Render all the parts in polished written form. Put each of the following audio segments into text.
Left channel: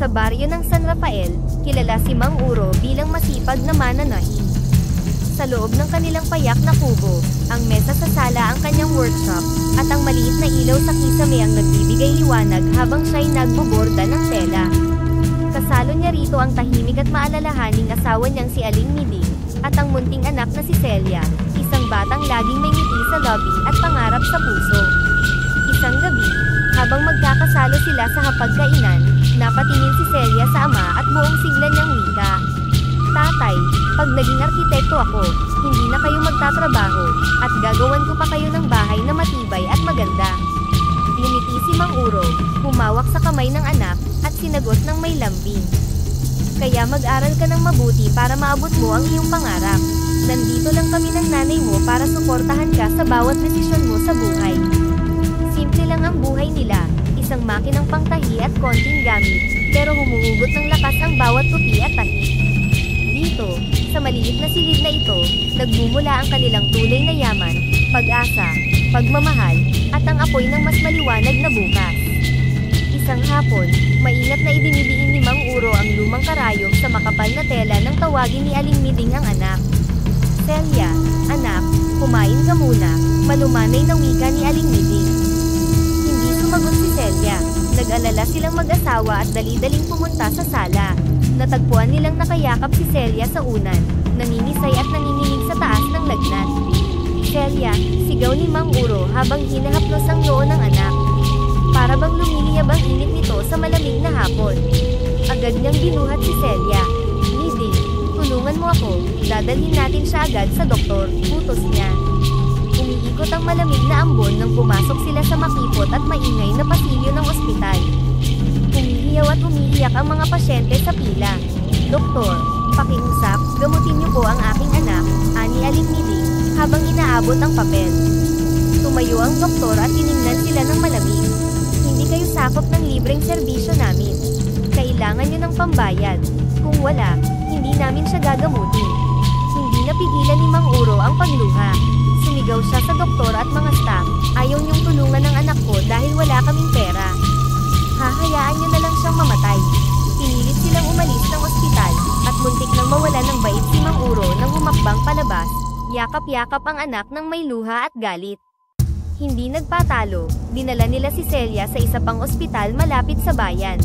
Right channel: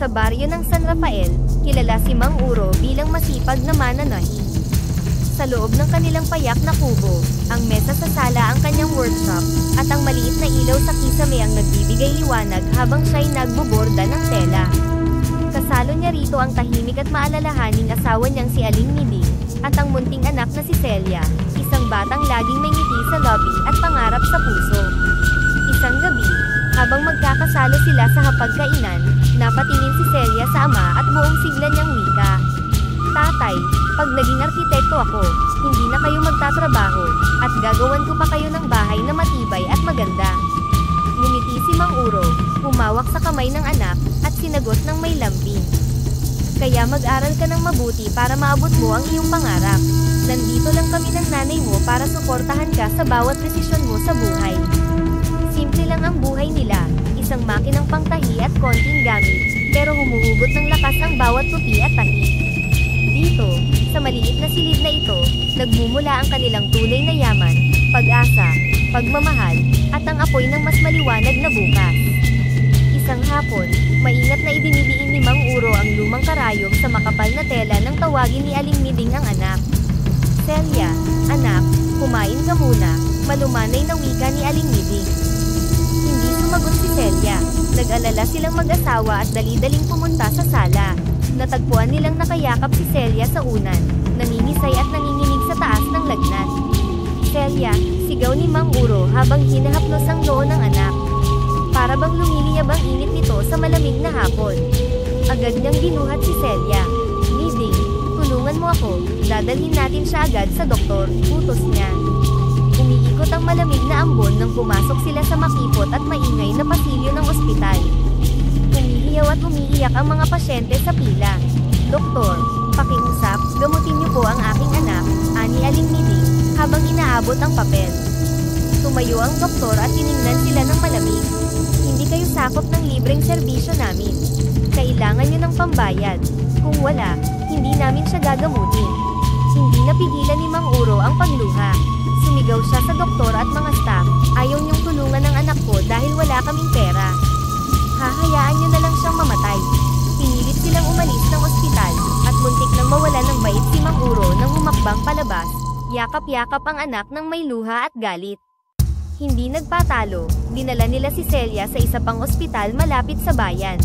Sa baryo ng San Rafael, kilala si Mang Uro bilang masipag na mananahi. Sa loob ng kanilang payak na kubo, ang mesa sa sala ang kanyang workshop, at ang maliit na ilaw sa kisame ang nagbibigay liwanag habang siya'y nagboborda ng tela. Kasalo niya rito ang tahimik at maalalahaning asawa niyang si Aling Miding, at ang munting anak na si Celia, isang batang laging may ngiti sa lobby at pangarap sa puso. Isang gabi, habang magkakasalo sila sa hapagkainan, napatingin si Celia sa ama at buong sigla niyang wika. Tatay, pag naging arkitekto ako, hindi na kayo magtatrabaho, at gagawan ko pa kayo ng bahay na matibay at maganda. Ngumiti si Mang Uro, humawak sa kamay ng anak, at sinagot ng may lambing. Kaya mag-aral ka ng mabuti para maabot mo ang iyong pangarap. Nandito lang kami ng nanay mo para suportahan ka sa bawat desisyon mo sa buhay. Simple lang ang buhay nila, isang makinang pangtahi at konting gamit, pero humuhugot ng lakas ang bawat tupi at tahi. Dito, sa maliit na silid na ito, nagmumula ang kanilang tunay na yaman, pag-asa, pagmamahal, at ang apoy ng mas maliwanag na bukas. Isang hapon, maingat na idinidiin ni Mang Uro ang lumang karayom sa makapal na tela nang tawagin ni Aling Miding ang anak. Celia, anak, kumain ka muna, malumanay na wika ni Aling Miding. Hindi sumagot si Celia. Nag-alala silang mag-asawa at dali-daling pumunta sa sala. Natagpuan nilang nakayakap si Celia sa unan, nangingisay at nanginginig sa taas ng lagnat. Celia, sigaw ni Mang Uro habang hinahaplos ang noo ng anak. Para bang lumiliyab ang init nito sa malamig na hapon. Agad niyang binuhat si Celia. Miding, tulungan mo ako, dadalhin natin siya agad sa doktor, utos niya. Umiikot ang malamig na ambon nang pumasok sila sa makipot at maingay na pasilyo ng ospital. Umihiyaw at umiiyak ang mga pasyente sa pila. Doktor, pakiusap, gamutin niyo po ang aking anak, ani Aling Miding, habang inaabot ang papel. Tumayo ang doktor at tiningnan sila ng malamig. Hindi kayo sakop ng libreng serbisyo namin. Kailangan niyo ng pambayad. Kung wala, hindi namin siya gagamutin. Hindi napigilan ni Mang Uro ang pagluha. Sumigaw siya sa doktor at mga staff, ayaw niyong tulungan ng anak ko dahil wala kaming pera. Hahayaan niyo na lang siyang mamatay. Pinilit silang umalis ng ospital, at muntik nang mawala ng bait si Mang Uro nang humakbang palabas. Yakap-yakap ang anak ng may luha at galit. Hindi nagpatalo, dinala nila si Celia sa isa pang ospital malapit sa bayan.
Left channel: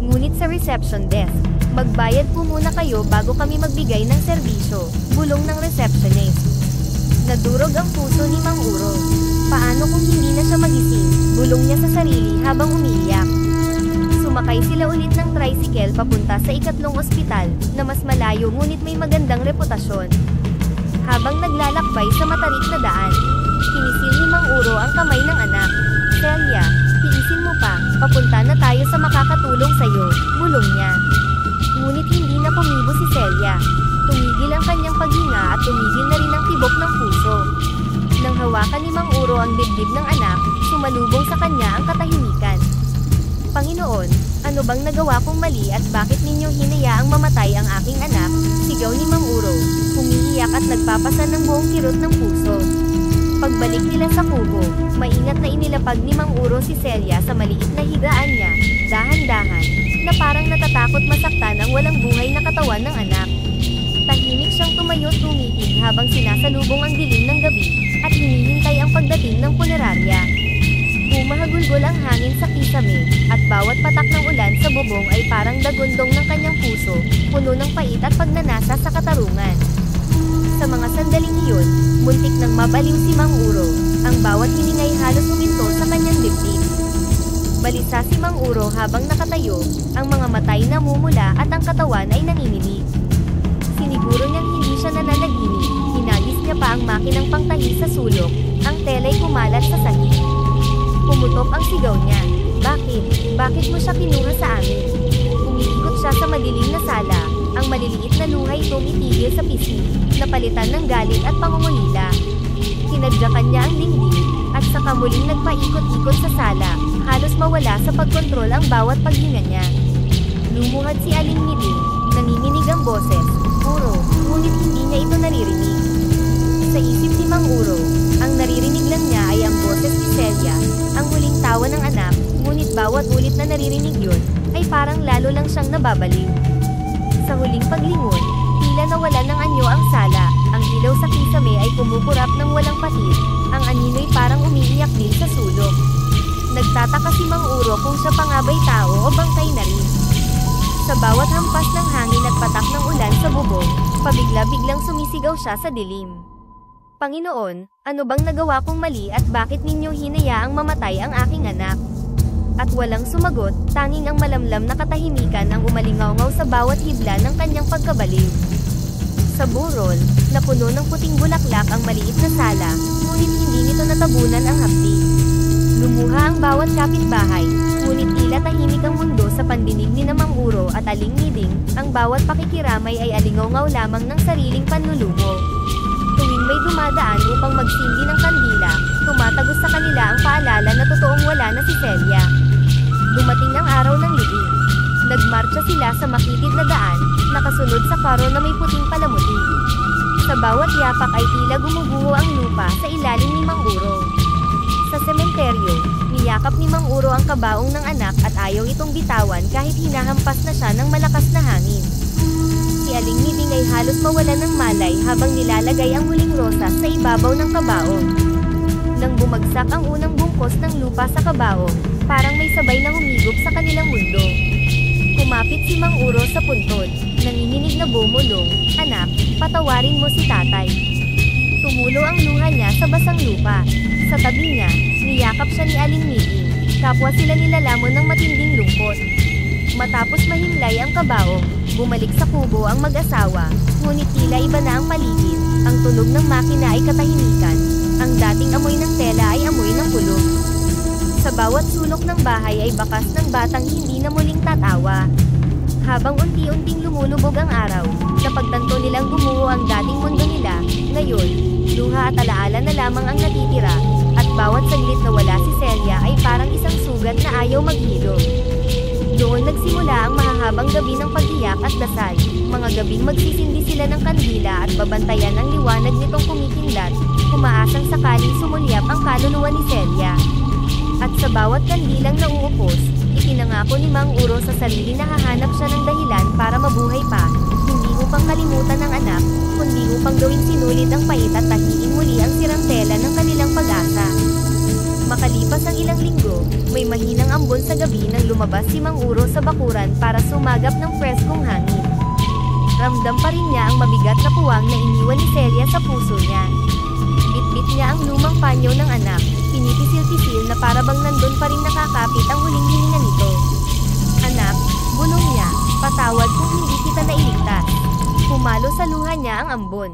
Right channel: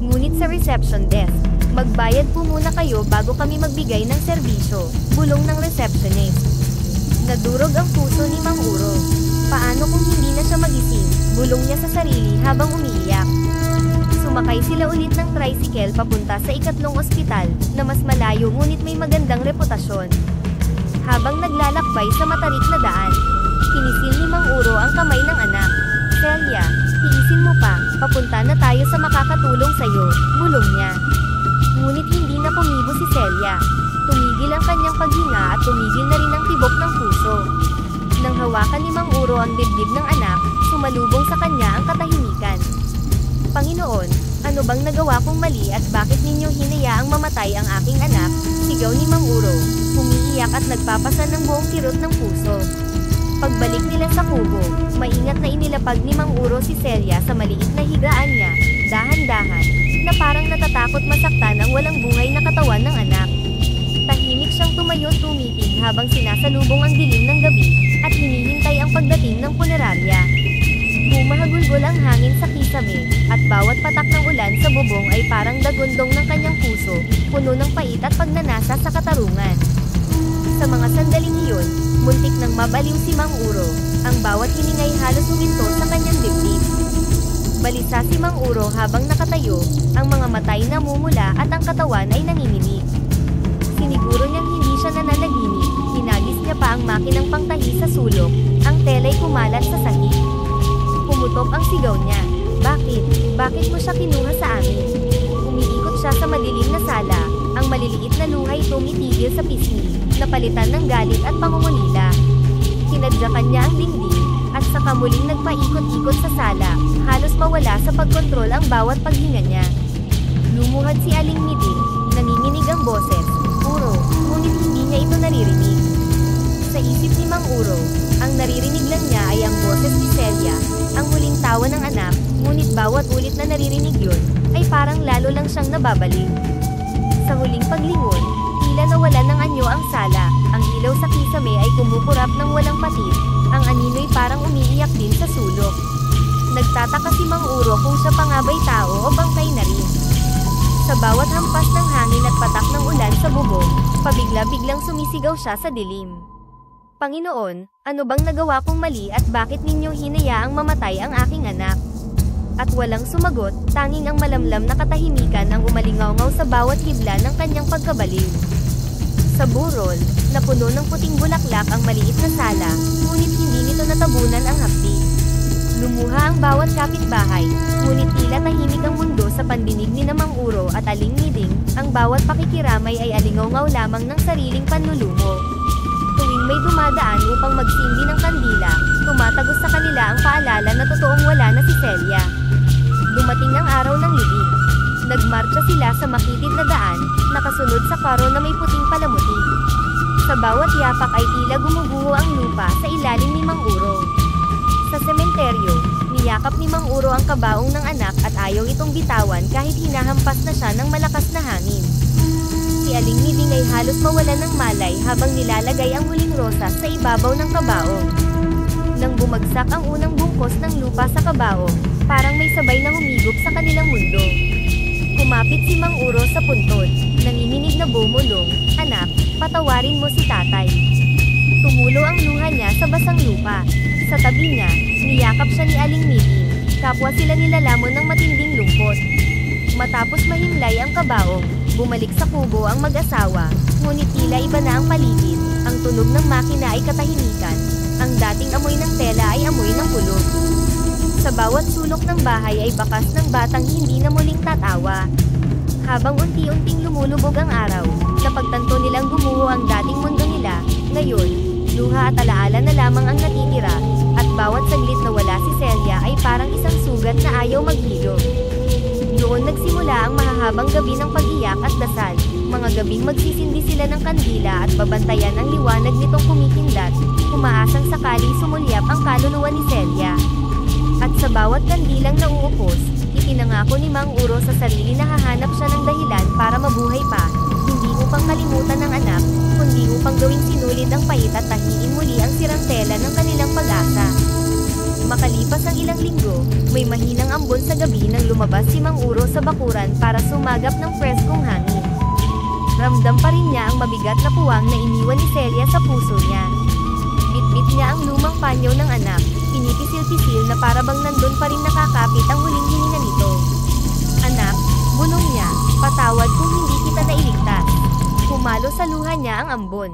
Ngunit sa reception desk, magbayad po muna kayo bago kami magbigay ng serbisyo, bulong ng receptionist. Nadurog ang puso ni Mang Uro. Paano kung hindi na siya magising, bulong niya sa sarili habang umiiyak. Sumakay sila ulit ng tricycle papunta sa ikatlong ospital, na mas malayo ngunit may magandang reputasyon. Habang naglalakbay sa matarik na daan, pinisil ni Mang Uro ang kamay ng anak. Celia, tiisin mo pa, papunta na tayo sa makakatulong sa'yo, bulong niya. Ngunit hindi na kumibo si Celia. Tumigil ang kanyang paghinga at tumigil na rin ang tibok ng puso. Nang hawakan ni Mang Uro ang dibdib ng anak, sumalubong sa kanya ang katahimikan. Panginoon, ano bang nagawa kong mali at bakit ninyo hinayaang mamatay ang aking anak? Sigaw ni Mang Uro, umiiyak at nagpapasan ng buong kirot ng puso. Pagbalik nila sa kubo, maingat na inilapag ni Mang Uro si Celia sa maliit na higaan niya, dahan-dahan, na parang natatakot masaktan ang walang buhay na katawan ng anak. Tahimik siyang tumayo at tumitig habang sinasalubong ang dilim ng gabi, at hinihintay ang pagdating ng punerarya. Humahagulgol ang hangin sa kisame, at bawat patak ng ulan sa bubong ay parang dagundong ng kanyang puso, puno ng pait at pagnanasa sa katarungan. Sa mga sandaling iyon, muntik nang mabaliw si Mang Uro, ang bawat hiningay halos huminto sa kanyang dibdib. Balisa si Mang Uro habang nakatayo, ang mga matay namumula at ang katawan ay nanginginig. Siniguro niyang hindi siya nananaginip, hinagis niya pa ang makinang pangtahi sa sulok, ang tela'y kumalat sa sahig. Pumutok ang sigaw niya. Bakit? Bakit mo siya kinuha sa amin? Umiikot siya sa madilim na sala, ang maliliit na luhay tumitigil sa pisngi, napalitan ng galit at pangungulila. Tinadyakan niya ang dingding, at saka muling nagpaikot-ikot sa sala, halos mawala sa pagkontrol ang bawat paghinga niya. Lumuhad si Aling Miding, nanginginig ang boses, Uro, ngunit hindi niya ito naririnig. Sa isip ni Mang Uro, ang naririnig lang niya ay ang boses ni Celia, ang huling tawa ng anak, ngunit bawat ulit na naririnig yun, ay parang lalo lang siyang nababaliw. Sa huling paglingon, tila nawala ng anyo ang sala, ang ilaw sa kisame ay kumukurap ng walang patid, ang anino'y parang umiiyak din sa sulok. Nagtataka si Mang Uro kung siya pa nga ba'y tao o bangkay na rin. Sa bawat hampas ng hangin at patak ng ulan sa bubong, pabigla-biglang sumisigaw siya sa dilim. Panginoon, ano bang nagawa kong mali at bakit ninyo hinayaang mamatay ang aking anak? At walang sumagot, tanging ang malamlam na katahimikan ang umalingaw-ngaw sa bawat hibla ng kanyang pagkabaliw. Sa burol, na puno ng puting bulaklak ang maliit na sala, ngunit hindi nito natabunan ang hapdi. Lumuha ang bawat kapitbahay, ngunit tila tahimik ang mundo sa pandinig ni Mang Uro at Aling Miding, ang bawat pakikiramay ay alingaw-ngaw lamang ng sariling panlulumo. Tuwing may dumadaan upang magsindi ng kandila, tumatagos sa kanila ang paalala na totoong wala na si Celia. Dumating ang araw ng libing. Nagmarcha sila sa makitid na daan, nakasunod sa karo na may puting palamuti. Sa bawat yapak ay tila gumuguho ang lupa sa ilalim ni Mang Uro. Sa sementeryo, niyakap ni Mang Uro ang kabaong ng anak at ayaw itong bitawan kahit hinahampas na siya ng malakas na hangin. Si Aling Miding ay halos mawalan ng malay habang nilalagay ang huling rosas sa ibabaw ng kabaong. Nang bumagsak ang unang bungkos ng lupa sa kabaong, parang may sabay na humigop sa kanilang mundo. Kumapit si Mang Uro sa puntod, nanginginig na bumulong, "Anak, patawarin mo si tatay." Tumulo ang luha niya sa basang lupa. Sa tabi niya, niyakap siya ni Aling Miding, kapwa sila nilalamon ng matinding lungkot. Matapos mahimlay ang kabaong, bumalik sa kubo ang mag-asawa, ngunit tila iba na ang paligid, ang tunog ng makina ay katahimikan, ang dating amoy ng tela ay amoy ng kulog. Sa bawat sulok ng bahay ay bakas ng batang hindi na muling tatawa. Habang unti-unting lumulubog ang araw, napagtanto nilang gumuho ang dating mundo nila, ngayon, luha at alaala na lamang ang natitira, at bawat saglit na wala si Celia ay parang isang sugat na ayaw maghilom. Doon nagsimula ang mahahabang gabi ng pag-iyak at dasal, mga gabing magsisindi sila ng kandila at babantayan ang liwanag nitong kumikindat, umaasang sakali sumulyap ang kaluluwa ni Celia. At sa bawat kandilang nauupos, itinangako ni Mang Uro sa sarili na hahanap siya ng dahilan para mabuhay pa, hindi upang kalimutan ng anak, kundi upang gawing sinulid ang pait at tahiin muli ang sirantela ng kanilang pag-asa. Makalipas ang ilang linggo, may mahinang ambon sa gabi nang lumabas si Mang Uro sa bakuran para sumagap ng preskong hangin. Ramdam pa rin niya ang mabigat na puwang na iniwan ni Celia sa puso niya. Bitbit niya ang lumang panyo ng anak, pinipisil-pisil na para bang nandun pa rin nakakapit ang huling hininga nito. "Anak," bulong niya, "patawad kung hindi kita nailigtas." Pumalo sa luha niya ang ambon.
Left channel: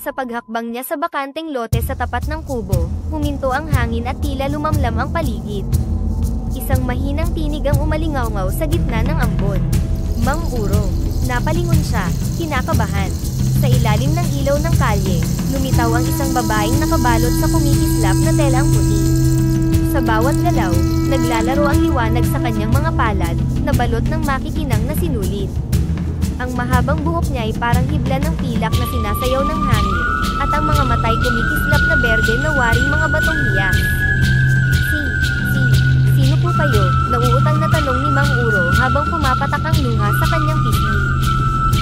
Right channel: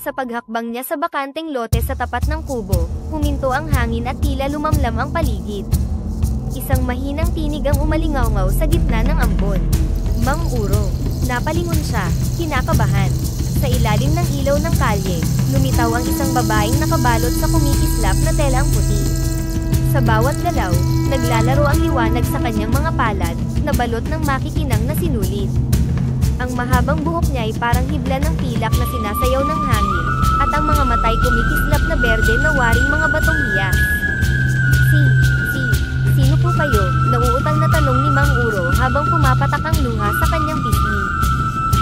Sa paghakbang niya sa bakanteng lote sa tapat ng kubo, huminto ang hangin at tila lumamlam ang paligid. Isang mahinang tinig ang umalingaw-ngaw sa gitna ng ambon. "Mang Uro." Napalingon siya, kinakabahan. Sa ilalim ng ilaw ng kalye, lumitaw ang isang babaeng nakabalot sa kumikislap na telang puti. Sa bawat galaw, naglalaro ang liwanag sa kanyang mga palad, na balot ng makikinang na sinulid. Ang mahabang buhok niya ay parang hibla ng pilak na sinasayaw ng hangin, at ang mga matay kumikislap na berde na waring mga batong hiya. Sino po kayo?" Nauutang na tanong ni Mang Uro habang pumapatak ang luha sa kanyang pisngi.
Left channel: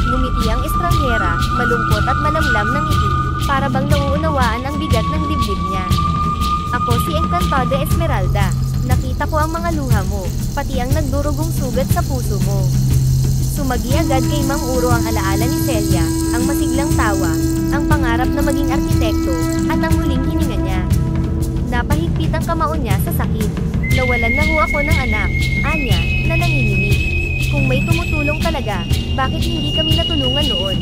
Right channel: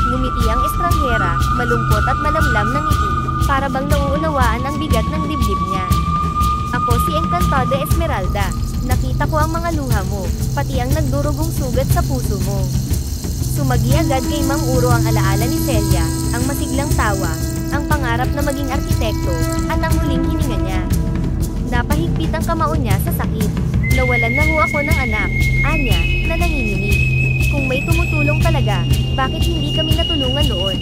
Ngumiti ang estranghera, malungkot at malamlam ng ngiti, para bang nauunawaan ang bigat ng dibdib niya. "Ako si Encantada Esmeralda. Nakita ko ang mga luha mo, pati ang nagdurugong sugat sa puso mo." Sumagi agad kay Mang Uro ang alaala ni Celia, ang masiglang tawa, ang pangarap na maging arkitekto, at ang huling hininga niya. Napahigpit ang kamao niya sa sakit. "Nawalan na ho ako ng anak," anya, na nanginginig. "Kung may tumutulong talaga, bakit hindi kami natulungan noon?"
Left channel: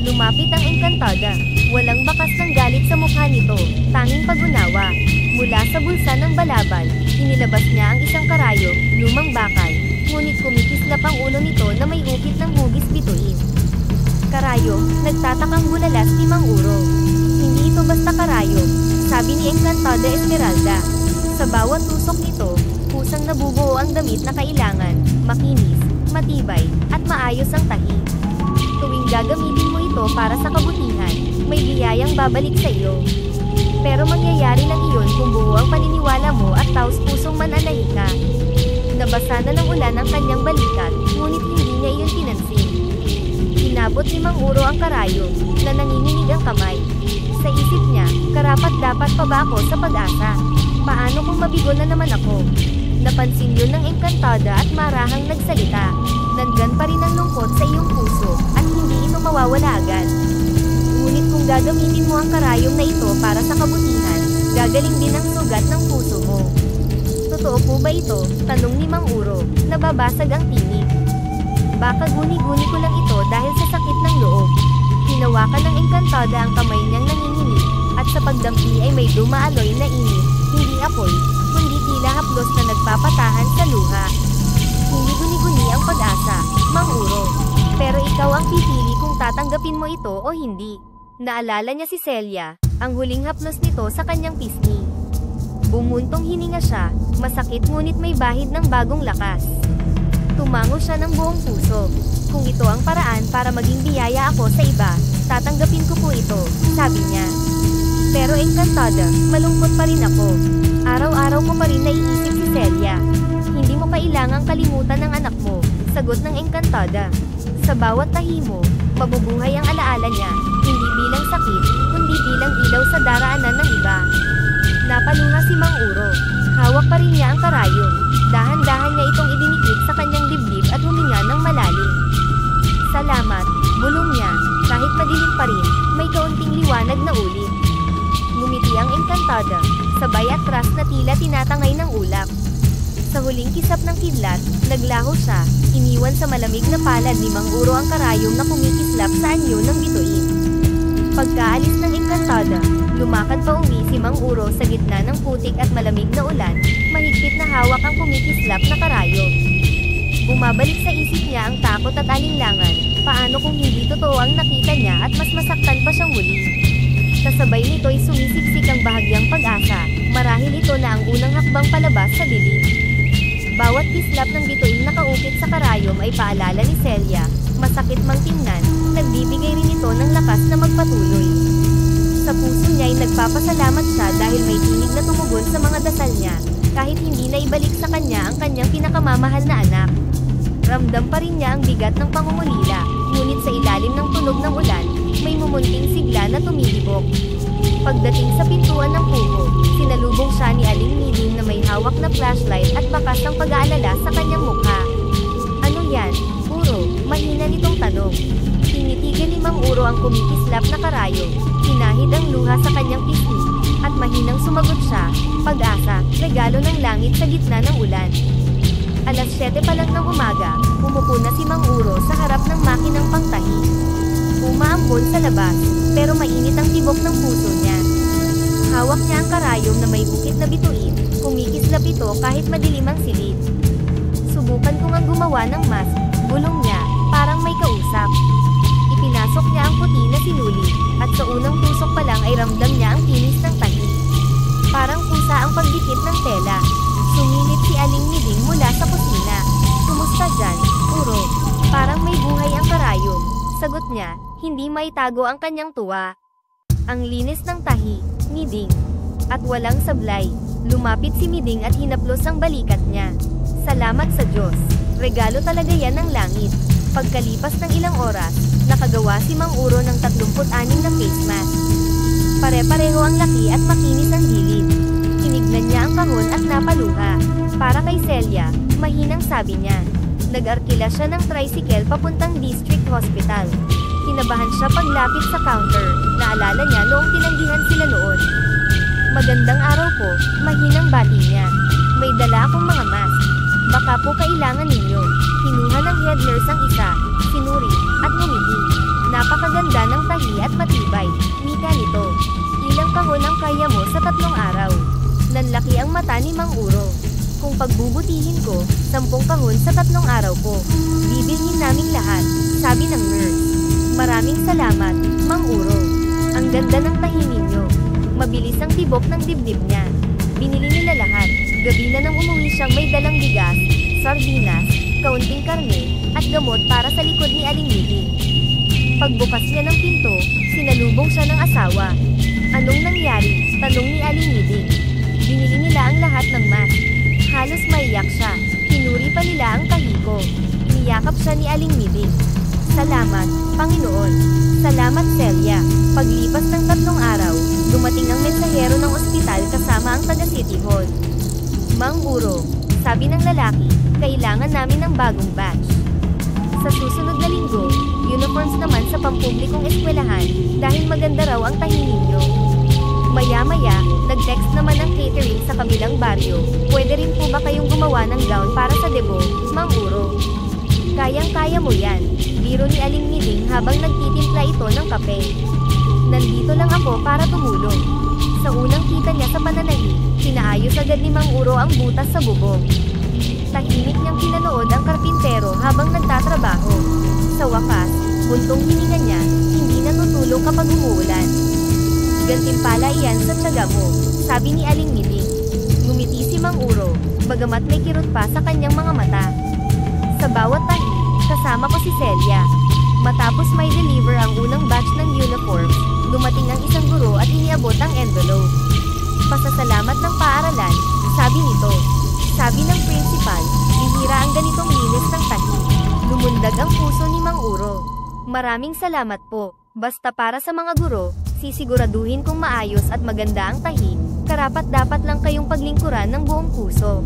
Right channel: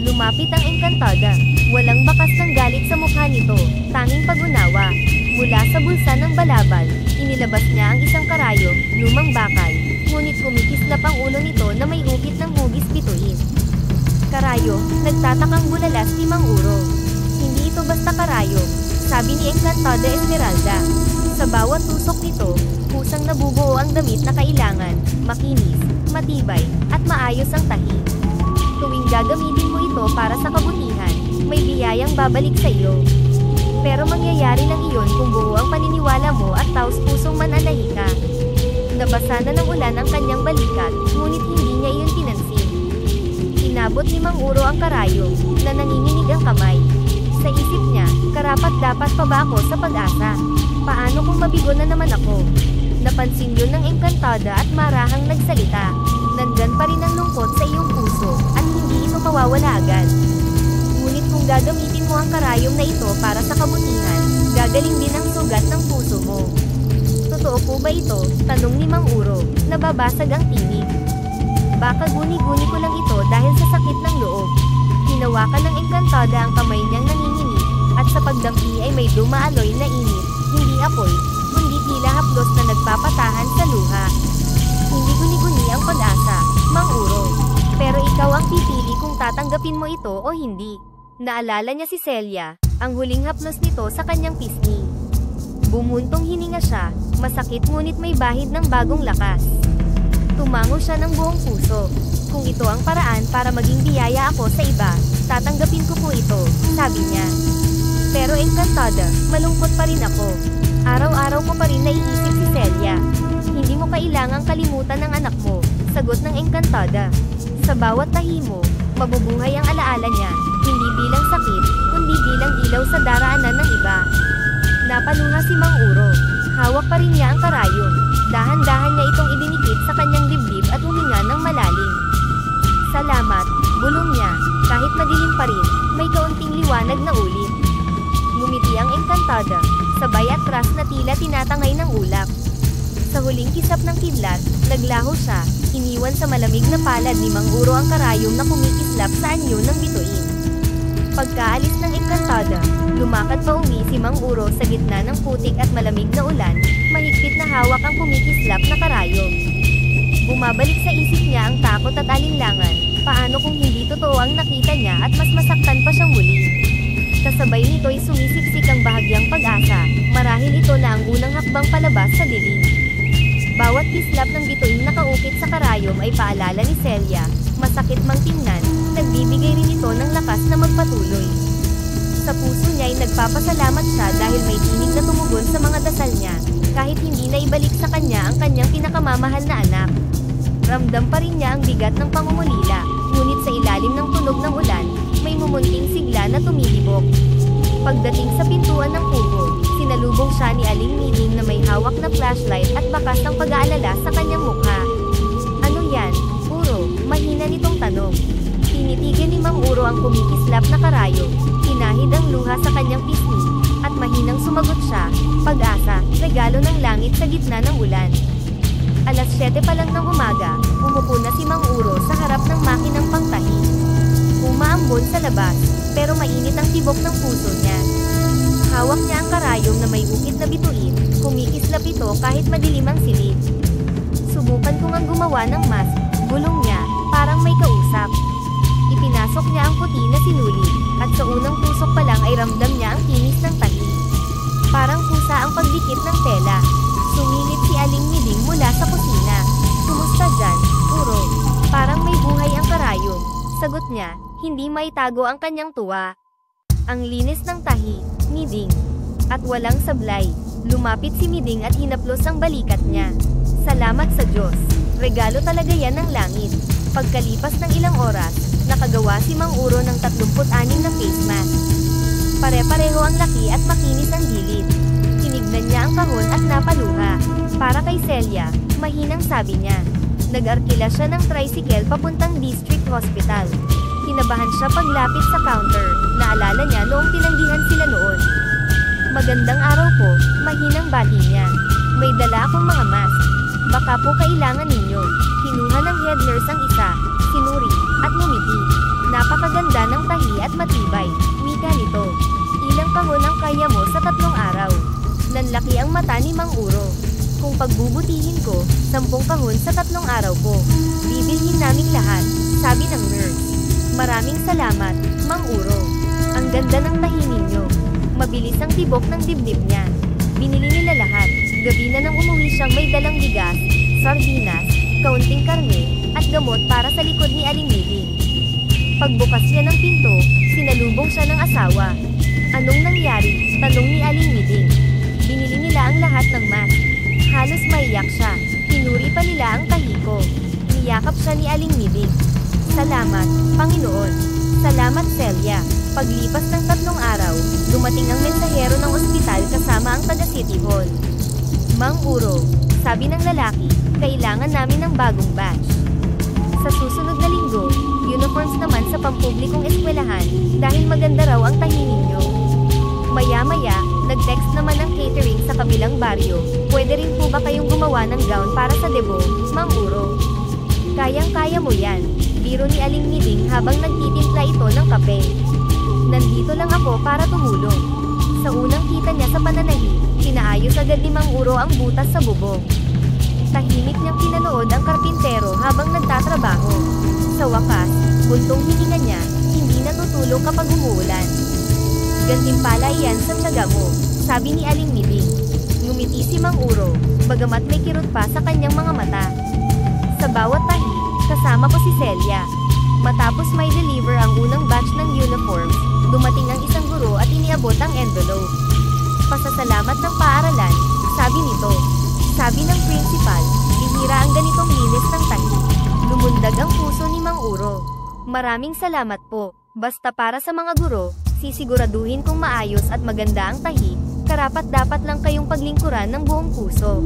Lumapit ang Encantada. Walang bakas ng galit sa mukha nito, tanging pag-unawa. Mula sa bulsa ng balabal, inilabas niya ang isang karayom, lumang bakal, ngunit kumikislap ang ulo nito na may upit ng hugis bituin. "Karayom," nagtatakang bulalas ni Mang Uro. "Hindi ito basta karayom," sabi ni Encantada Esmeralda. Sa bawat tusok nito, kusang nabubuo ang damit na kailangan, makinis, matibay, at maayos ang tahi. Tuwing gagamitin mo ito para sa kabutihan, may biyayang babalik sa iyo. Pero mangyayari lang iyon kung buo ang paniniwala mo at taos-pusong mananahika. Nabasa na ng ulan ang kanyang balikat, ngunit hindi niya iyon pinansin. Inabot ni Mang Uro ang karayom, na nanginginig ang kamay. Sa isip niya, karapat-dapat pa ba ako sa pag-asa? Paano kung mabigo na naman ako? Napansin yun ng engkantada at marahang nagsalita. Nandyan pa rin ang lungkot sa iyong puso, at hindi ito mawawala agad. Ngunit kung gagamitin mo ang karayom na ito para sa kabutihan, gagaling din ang sugat ng puso mo. Totoo po ba ito? Tanong ni Mang Uro, nababasag ang tinig. Baka guni-guni ko lang ito dahil sa sakit ng loob. Hinawakan ng engkantada ang kamay niyang nanginginig, at sa pagdampi ay may dumaaloy na init, hindi apoy, kundi tila haplos na nagpapatahan sa luha. Hindi guni-guni ang pag-asa, Mang Uro. Pero ikaw ang pipili kung tatanggapin mo ito o hindi. Naalala niya si Celia, ang huling haplos nito sa kanyang pisngi. Bumuntong hininga siya, masakit ngunit may bahid ng bagong lakas. Tumango siya ng buong puso. Kung ito ang paraan para maging biyaya ako sa iba, tatanggapin ko po ito, sabi niya. Pero engkantada, malungkot pa rin ako. Araw-araw ko pa rin naiisip si Celia. Hindi mo kailangang kalimutan ang anak mo, sagot ng engkantada. Sa bawat tahi mo, mabubuhay ang alaala niya, hindi bilang sakit, kundi bilang ilaw sa daraanan ng iba. Napaluha si Mang Uro. Hawak pa rin niya ang karayom. Dahan-dahan niya itong idinikit sa kanyang dibdib at huminga ng malalim. Salamat, bulong niya. Kahit madilim pa rin, may kaunting liwanag na ulit. Ngumiti ang engkantada, sabay atras na tila tinatangay ng ulap. Sa huling kisap ng kidlat, naglaho siya, iniwan sa malamig na palad ni Mang Uro ang karayom na kumikislap sa anyo ng bituin. Pagkaalis ng engkantada, lumakad pa uwi si Mang Uro sa gitna ng putik at malamig na ulan, mahigpit na hawak ang kumikislap na karayom. Bumabalik sa isip niya ang takot at alinlangan, paano kung hindi totoo ang nakita niya at mas masaktan pa siyang muli. Kasabay nito'y sumisiksik ang bahagyang pag-asa, marahil ito na ang unang hakbang palabas sa dilim. Bawat kislap ng bituin na kaukit sa karayom ay paalala ni Celia, masakit mang tingnan, nagbibigay rin ito ng lakas na magpatuloy. Sa puso niya ay nagpapasalamat siya dahil may tinig na tumugon sa mga dasal niya, kahit hindi na ibalik sa kanya ang kanyang pinakamamahal na anak. Ramdam pa rin niya ang bigat ng pangungulila, ngunit sa ilalim ng tunog ng ulan, may mumunting sigla na tumihibok. Pagdating sa pintuan ng kubo, sinalubong siya ni Aling Miding na may hawak na flashlight at bakas ng pag-aalala sa kanyang mukha. Ano yan, Uro? Mahina nitong tanong. Tinitigan ni Mang Uro ang kumikislap na karayom, pinahid ang luha sa kanyang pisngi, at mahinang sumagot siya, pag-asa, regalo ng langit sa gitna ng ulan. Alas 7 pa lang ng umaga, umupo na si Mang Uro sa harap ng makinang pangtahi. Umaambon sa labas, pero mainit ang tibok ng puso niya. Hawak niya ang karayom na may ukit na bituin, kumikislap ito kahit madilim ang silid. Subukan ko ngang gumawa ng mask, bulong niya, parang may kausap. Ipinasok niya ang puti na sinulid, at sa unang tusok pa lang ay ramdam niya ang tinis ng tahi. Parang kusa ang pagdikit ng tela. Sumilip si Aling Miding mula sa kusina. Kumusta dyan, Uro? Parang may buhay ang karayom, sagot niya, hindi maitago ang kanyang tuwa. Ang linis ng tahi, Miding. At walang sablay. Lumapit si Miding at hinaplos ang balikat niya. Salamat sa Diyos. Regalo talaga yan ng langit. Pagkalipas ng ilang oras, nakagawa si Mang Uro ng 36 na face mask. Pare-pareho ang laki at makinis ang gilid. Tinignan niya ang kahon at napaluha. Para kay Celia, mahinang sabi niya. Nag-arkila siya ng tricycle papuntang District Hospital. Kinabahan siya paglapit sa counter, naalala niya noong tinanggihan sila noon. Magandang araw po, mahinang bati niya. May dala akong mga mask. Baka po kailangan ninyo. Kinuha ng head nurse ang isa, sinuri, at ngumiti. Napakaganda ng tahi at matibay, wika nito. Ilang kahon ang kaya mo sa 3 araw. Nanlaki ang mata ni Mang Uro. Kung pagbubutihin ko, 10 kahon sa 3 araw po. Bibilhin naming lahat, sabi ng nurse. Maraming salamat, Mang Uro. Ang ganda ng tahi ninyo. Mabilis ang tibok ng dibdib niya. Binili nila lahat. Gabi na nang umuwi siyang may dalang bigas, sardinas, kaunting karne, at gamot para sa likod ni Aling Miding. Pagbukas niya ng pinto, sinalubong siya ng asawa. Anong nangyari? Tanong ni Aling Miding. Binili nila ang lahat ng mask. Halos maiyak siya. Kinuha Sinuri pa nila ang tahi ko. Niyakap siya ni Aling Miding. Salamat, Panginoon. Salamat, Celia. Paglipas ng 3 araw, dumating ang mensahero ng ospital kasama ang taga-City Hall. Mang Uro, sabi ng lalaki, kailangan namin ng bagong batch. Sa susunod na linggo, uniforms naman sa pampublikong eskwelahan, dahil maganda raw ang tahi ninyo. Maya-maya, nag-text naman ang catering sa kabilang baryo, pwede rin po ba kayong gumawa ng gown para sa debo, Mang Uro? Kayang-kaya mo yan, biro ni Aling Miding habang nagtitimpla ito ng kape. Nandito lang ako para tumulong. Sa unang kita niya sa pananahi, pinaayos agad ni Mang Uro ang butas sa bubong. Tahimik niyang pinanood ang karpintero habang nagtatrabaho. Sa wakas, buntong hininga niya, hindi natutulog kapag umuulan. Gantimpala iyan sa tiyaga mo, sabi ni Aling Miding. Ngumiti si Mang Uro, bagamat may kirot pa sa kanyang mga mata. Sa bawat tahi, kasama ko si Celia. Matapos may deliver ang unang batch ng uniforms, dumating ang isang guro at iniabot ang envelope. Pasasalamat ng paaralan, sabi nito. Sabi ng principal, bihira ang ganitong linis ng tahi. Lumundag ang puso ni Mang Uro. Maraming salamat po. Basta para sa mga guro, sisiguraduhin kong maayos at maganda ang tahi, karapat-dapat lang kayong paglingkuran ng buong puso.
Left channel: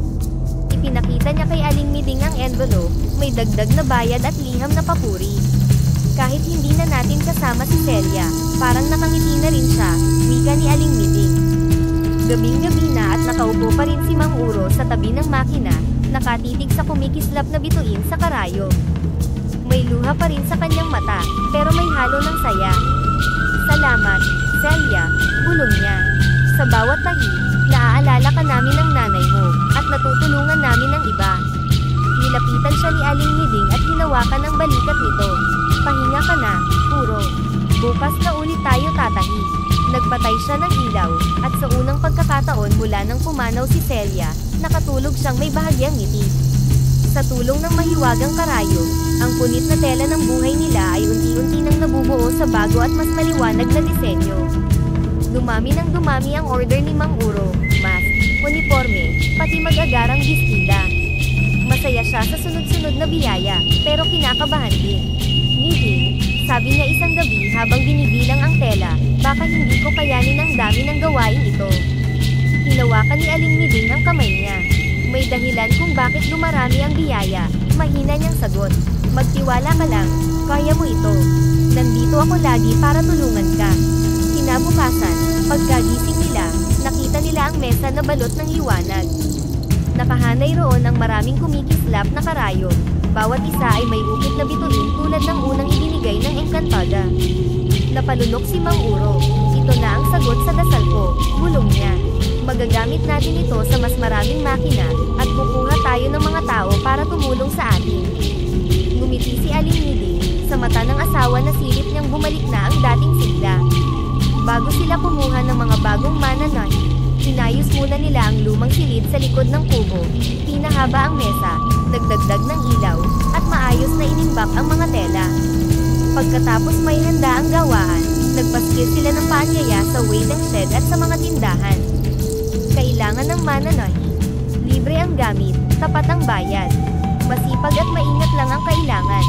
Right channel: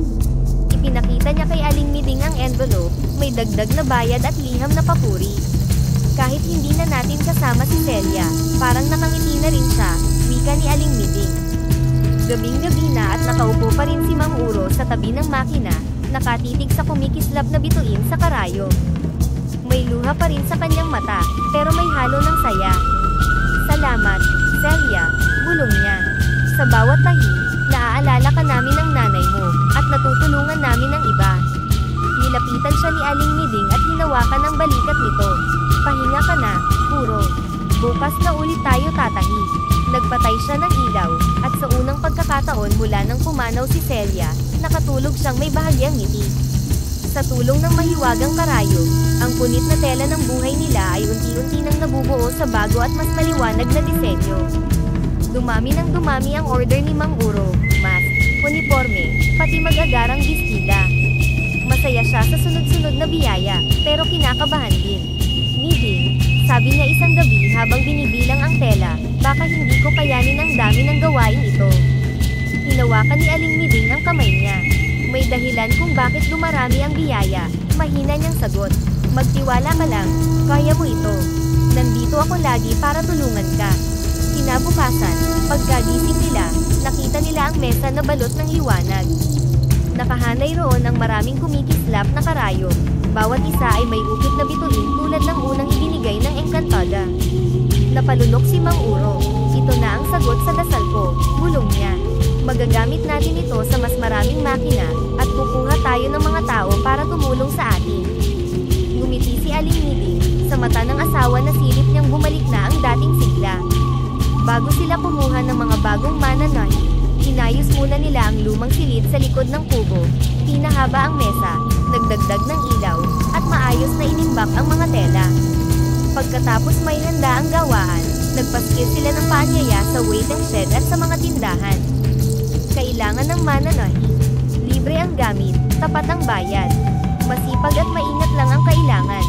Ipinakita niya kay Aling Miding ang envelope, may dagdag na bayad at liham na papuri. Kahit hindi na natin kasama si Celia, parang nakangiti na rin siya, wika ni Aling Miding. Gabing-gabi na at nakaupo pa rin si Mang Uro sa tabi ng makina, nakatitig sa kumikislap na bituin sa karayom. May luha pa rin sa kanyang mata, pero may halo ng saya. Salamat, Celia, bulong niya. Sa bawat tahi, naaalala ka namin ng nanay mo, at natutulungan namin ng iba. Nilapitan siya ni Aling Miding at hinawakan ang balikat nito. Pahinga ka na, Uro. Bukas na ulit tayo tatahi. Nagpatay siya ng ilaw, at sa unang pagkakataon mula nang pumanaw si Celia, nakatulog siyang may bahagyang ngiti. Sa tulong ng mahiwagang karayom, ang punit na tela ng buhay nila ay unti-unti nang nabubuo sa bago at mas maliwanag na disenyo. Dumami ng dumami ang order ni Mang Uro, mask, uniforme, pati mag-agarang bestida. Masaya siya sa sunod-sunod na biyaya, pero kinakabahan din. Miding, sabi niya isang gabi habang binibilang ang tela, baka hindi ko kayanin ang dami ng gawain ito. Hinawakan ni Aling Miding ang kamay niya. May dahilan kung bakit dumarami ang biyaya, mahina niyang sagot. Magtiwala ka lang, kaya mo ito. Nandito ako lagi para tulungan ka. Kinabukasan, pagkagising nila, nakita nila ang mesa na balot ng liwanag. Nakahanay roon ang maraming kumikislap na karayom. Bawat isa ay may ukit na bituin tulad ng unang ibinigay ng Encantada. Napalunok si Mang Uro. Ito na ang sagot sa dasal ko, bulong niya. Magagamit natin ito sa mas maraming makina, at kukuha tayo ng mga tao para tumulong sa atin. Ngumiti si Aling Miding, sa mata ng asawa na silip niyang bumalik na ang dating sigla. Bago sila kumuha ng mga bagong mananahi, inayos muna nila ang lumang silid sa likod ng kubo, pinahaba ang mesa, nagdagdag ng ilaw, at maayos na inimbak ang mga tela. Pagkatapos may handa ang gawaan, nagpaskil sila ng paanyaya sa waiting shed at sa mga tindahan. Kailangan ng mananahi. Libre ang gamit, tapat ang bayad. Masipag at maingat lang ang kailangan.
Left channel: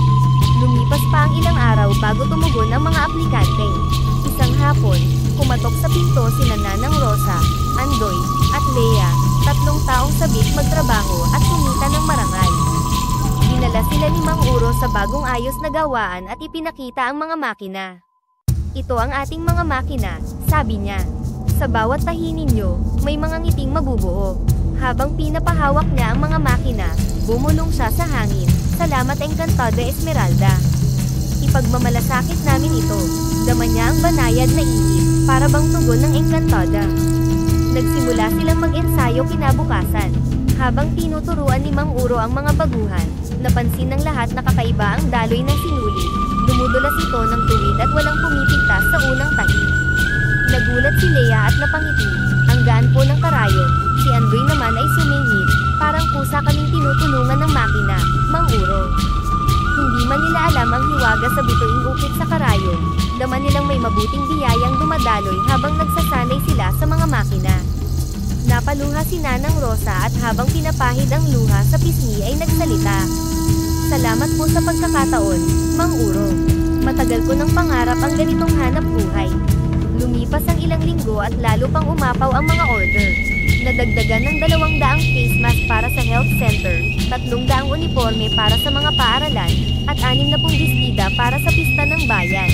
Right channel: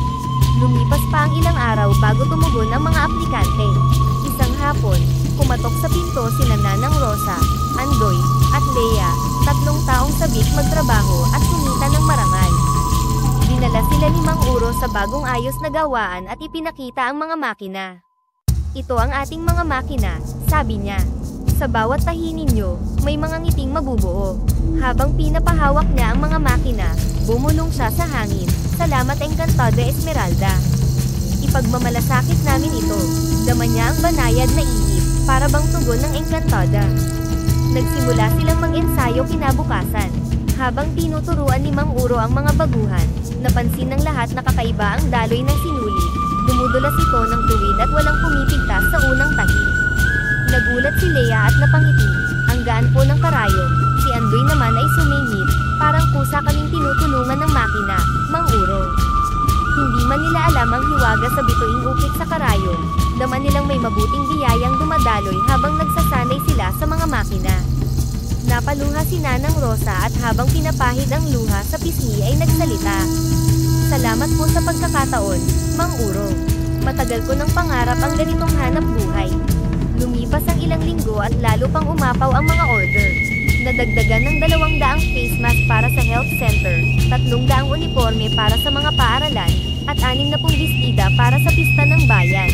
Lumipas pa ang ilang araw bago tumugon ang mga aplikante. Isang hapon, kumatok sa pinto sina Nanang Rosa, Andoy, at Lea, 3 taong sabik magtrabaho at kumita ng marangal. Dinala sila ni Mang Uro sa bagong ayos na gawaan at ipinakita ang mga makina. Ito ang ating mga makina, sabi niya. Sa bawat tahi ninyo, may mga ngiting mabubuo. Habang pinapahawak niya ang mga makina, bumulong siya sa hangin. Salamat Encantada Esmeralda. Ipagmamalasakit namin ito. Dama niya ang banayad na ihip, para bang tugon ng Encantada. Nagsimula silang mag-ensayo kinabukasan. Habang tinuturuan ni Mang Uro ang mga baguhan, napansin ng lahat na kakaiba ang daloy ng sinuli. Dumudulas ito ng tuwid at walang pumipigtas sa unang tahi. Nagulat si Lea at napangiti. Ang gaan po ng karayom. Si Andoy naman ay sumingit. Parang kusa kaming tinutulungan ng makina, Mang Uro. Hindi man nila alam ang hiwaga sa bituing ukit sa karayom. Dama nilang may mabuting biyayang dumadaloy habang nagsasanay sila sa mga makina. Napaluha si Nanang Rosa at habang pinapahid ang luha sa pisngi ay nagsalita. Salamat po sa pagkakataon, Mang Uro. Matagal ko ng pangarap ang ganitong hanap buhay. Lumipas ang ilang linggo at lalo pang umapaw ang mga order. Nadagdagan ng 200 face mask para sa health center, 300 uniforme para sa mga paaralan, at 60 bestida para sa pista ng bayan.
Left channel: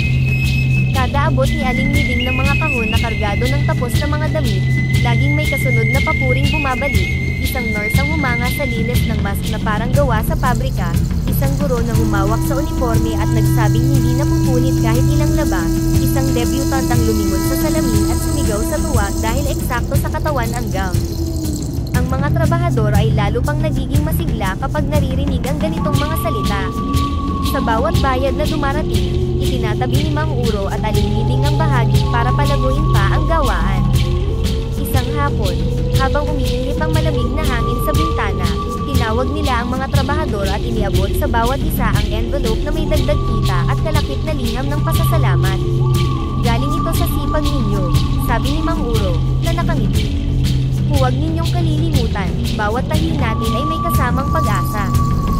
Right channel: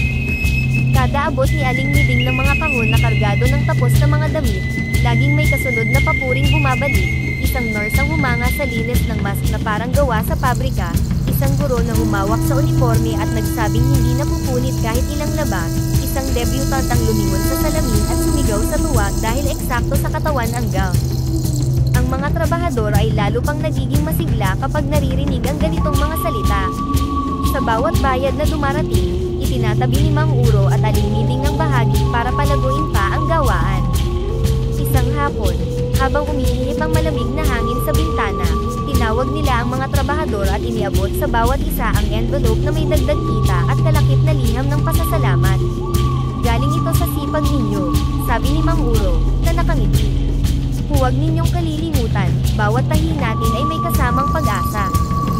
Kada abot ni Aling Miding ng mga kahon na kargado ng tapos na mga damit, laging may kasunod na papuring bumabalik, isang nurse ang humanga sa linis ng mask na parang gawa sa pabrika, isang guro na humawak sa uniforme at nagsabing hindi napupunit kahit ilang laba, isang debutant ang lumingon sa salamin at sumigaw sa tuwa dahil eksakto sa katawan ang gown. Ang mga trabahador ay lalo pang nagiging masigla kapag naririnig ang ganitong mga salita. Sa bawat bayad na dumarating, itinatabi ni Mang Uro at Aling Miding ang bahagi para palaguin pa ang gawaan. Isang hapon, habang umiihip ang malamig na hangin sa bintana, tinawag nila ang mga trabahador at iniabot sa bawat isa ang envelope na may dagdag kita at kalakip na liham ng pasasalamat. Galing ito sa sipag ninyo, sabi ni Mang Uro, na nakangiti. Huwag ninyong kalilimutan, bawat tahi natin ay may kasamang pag-asa.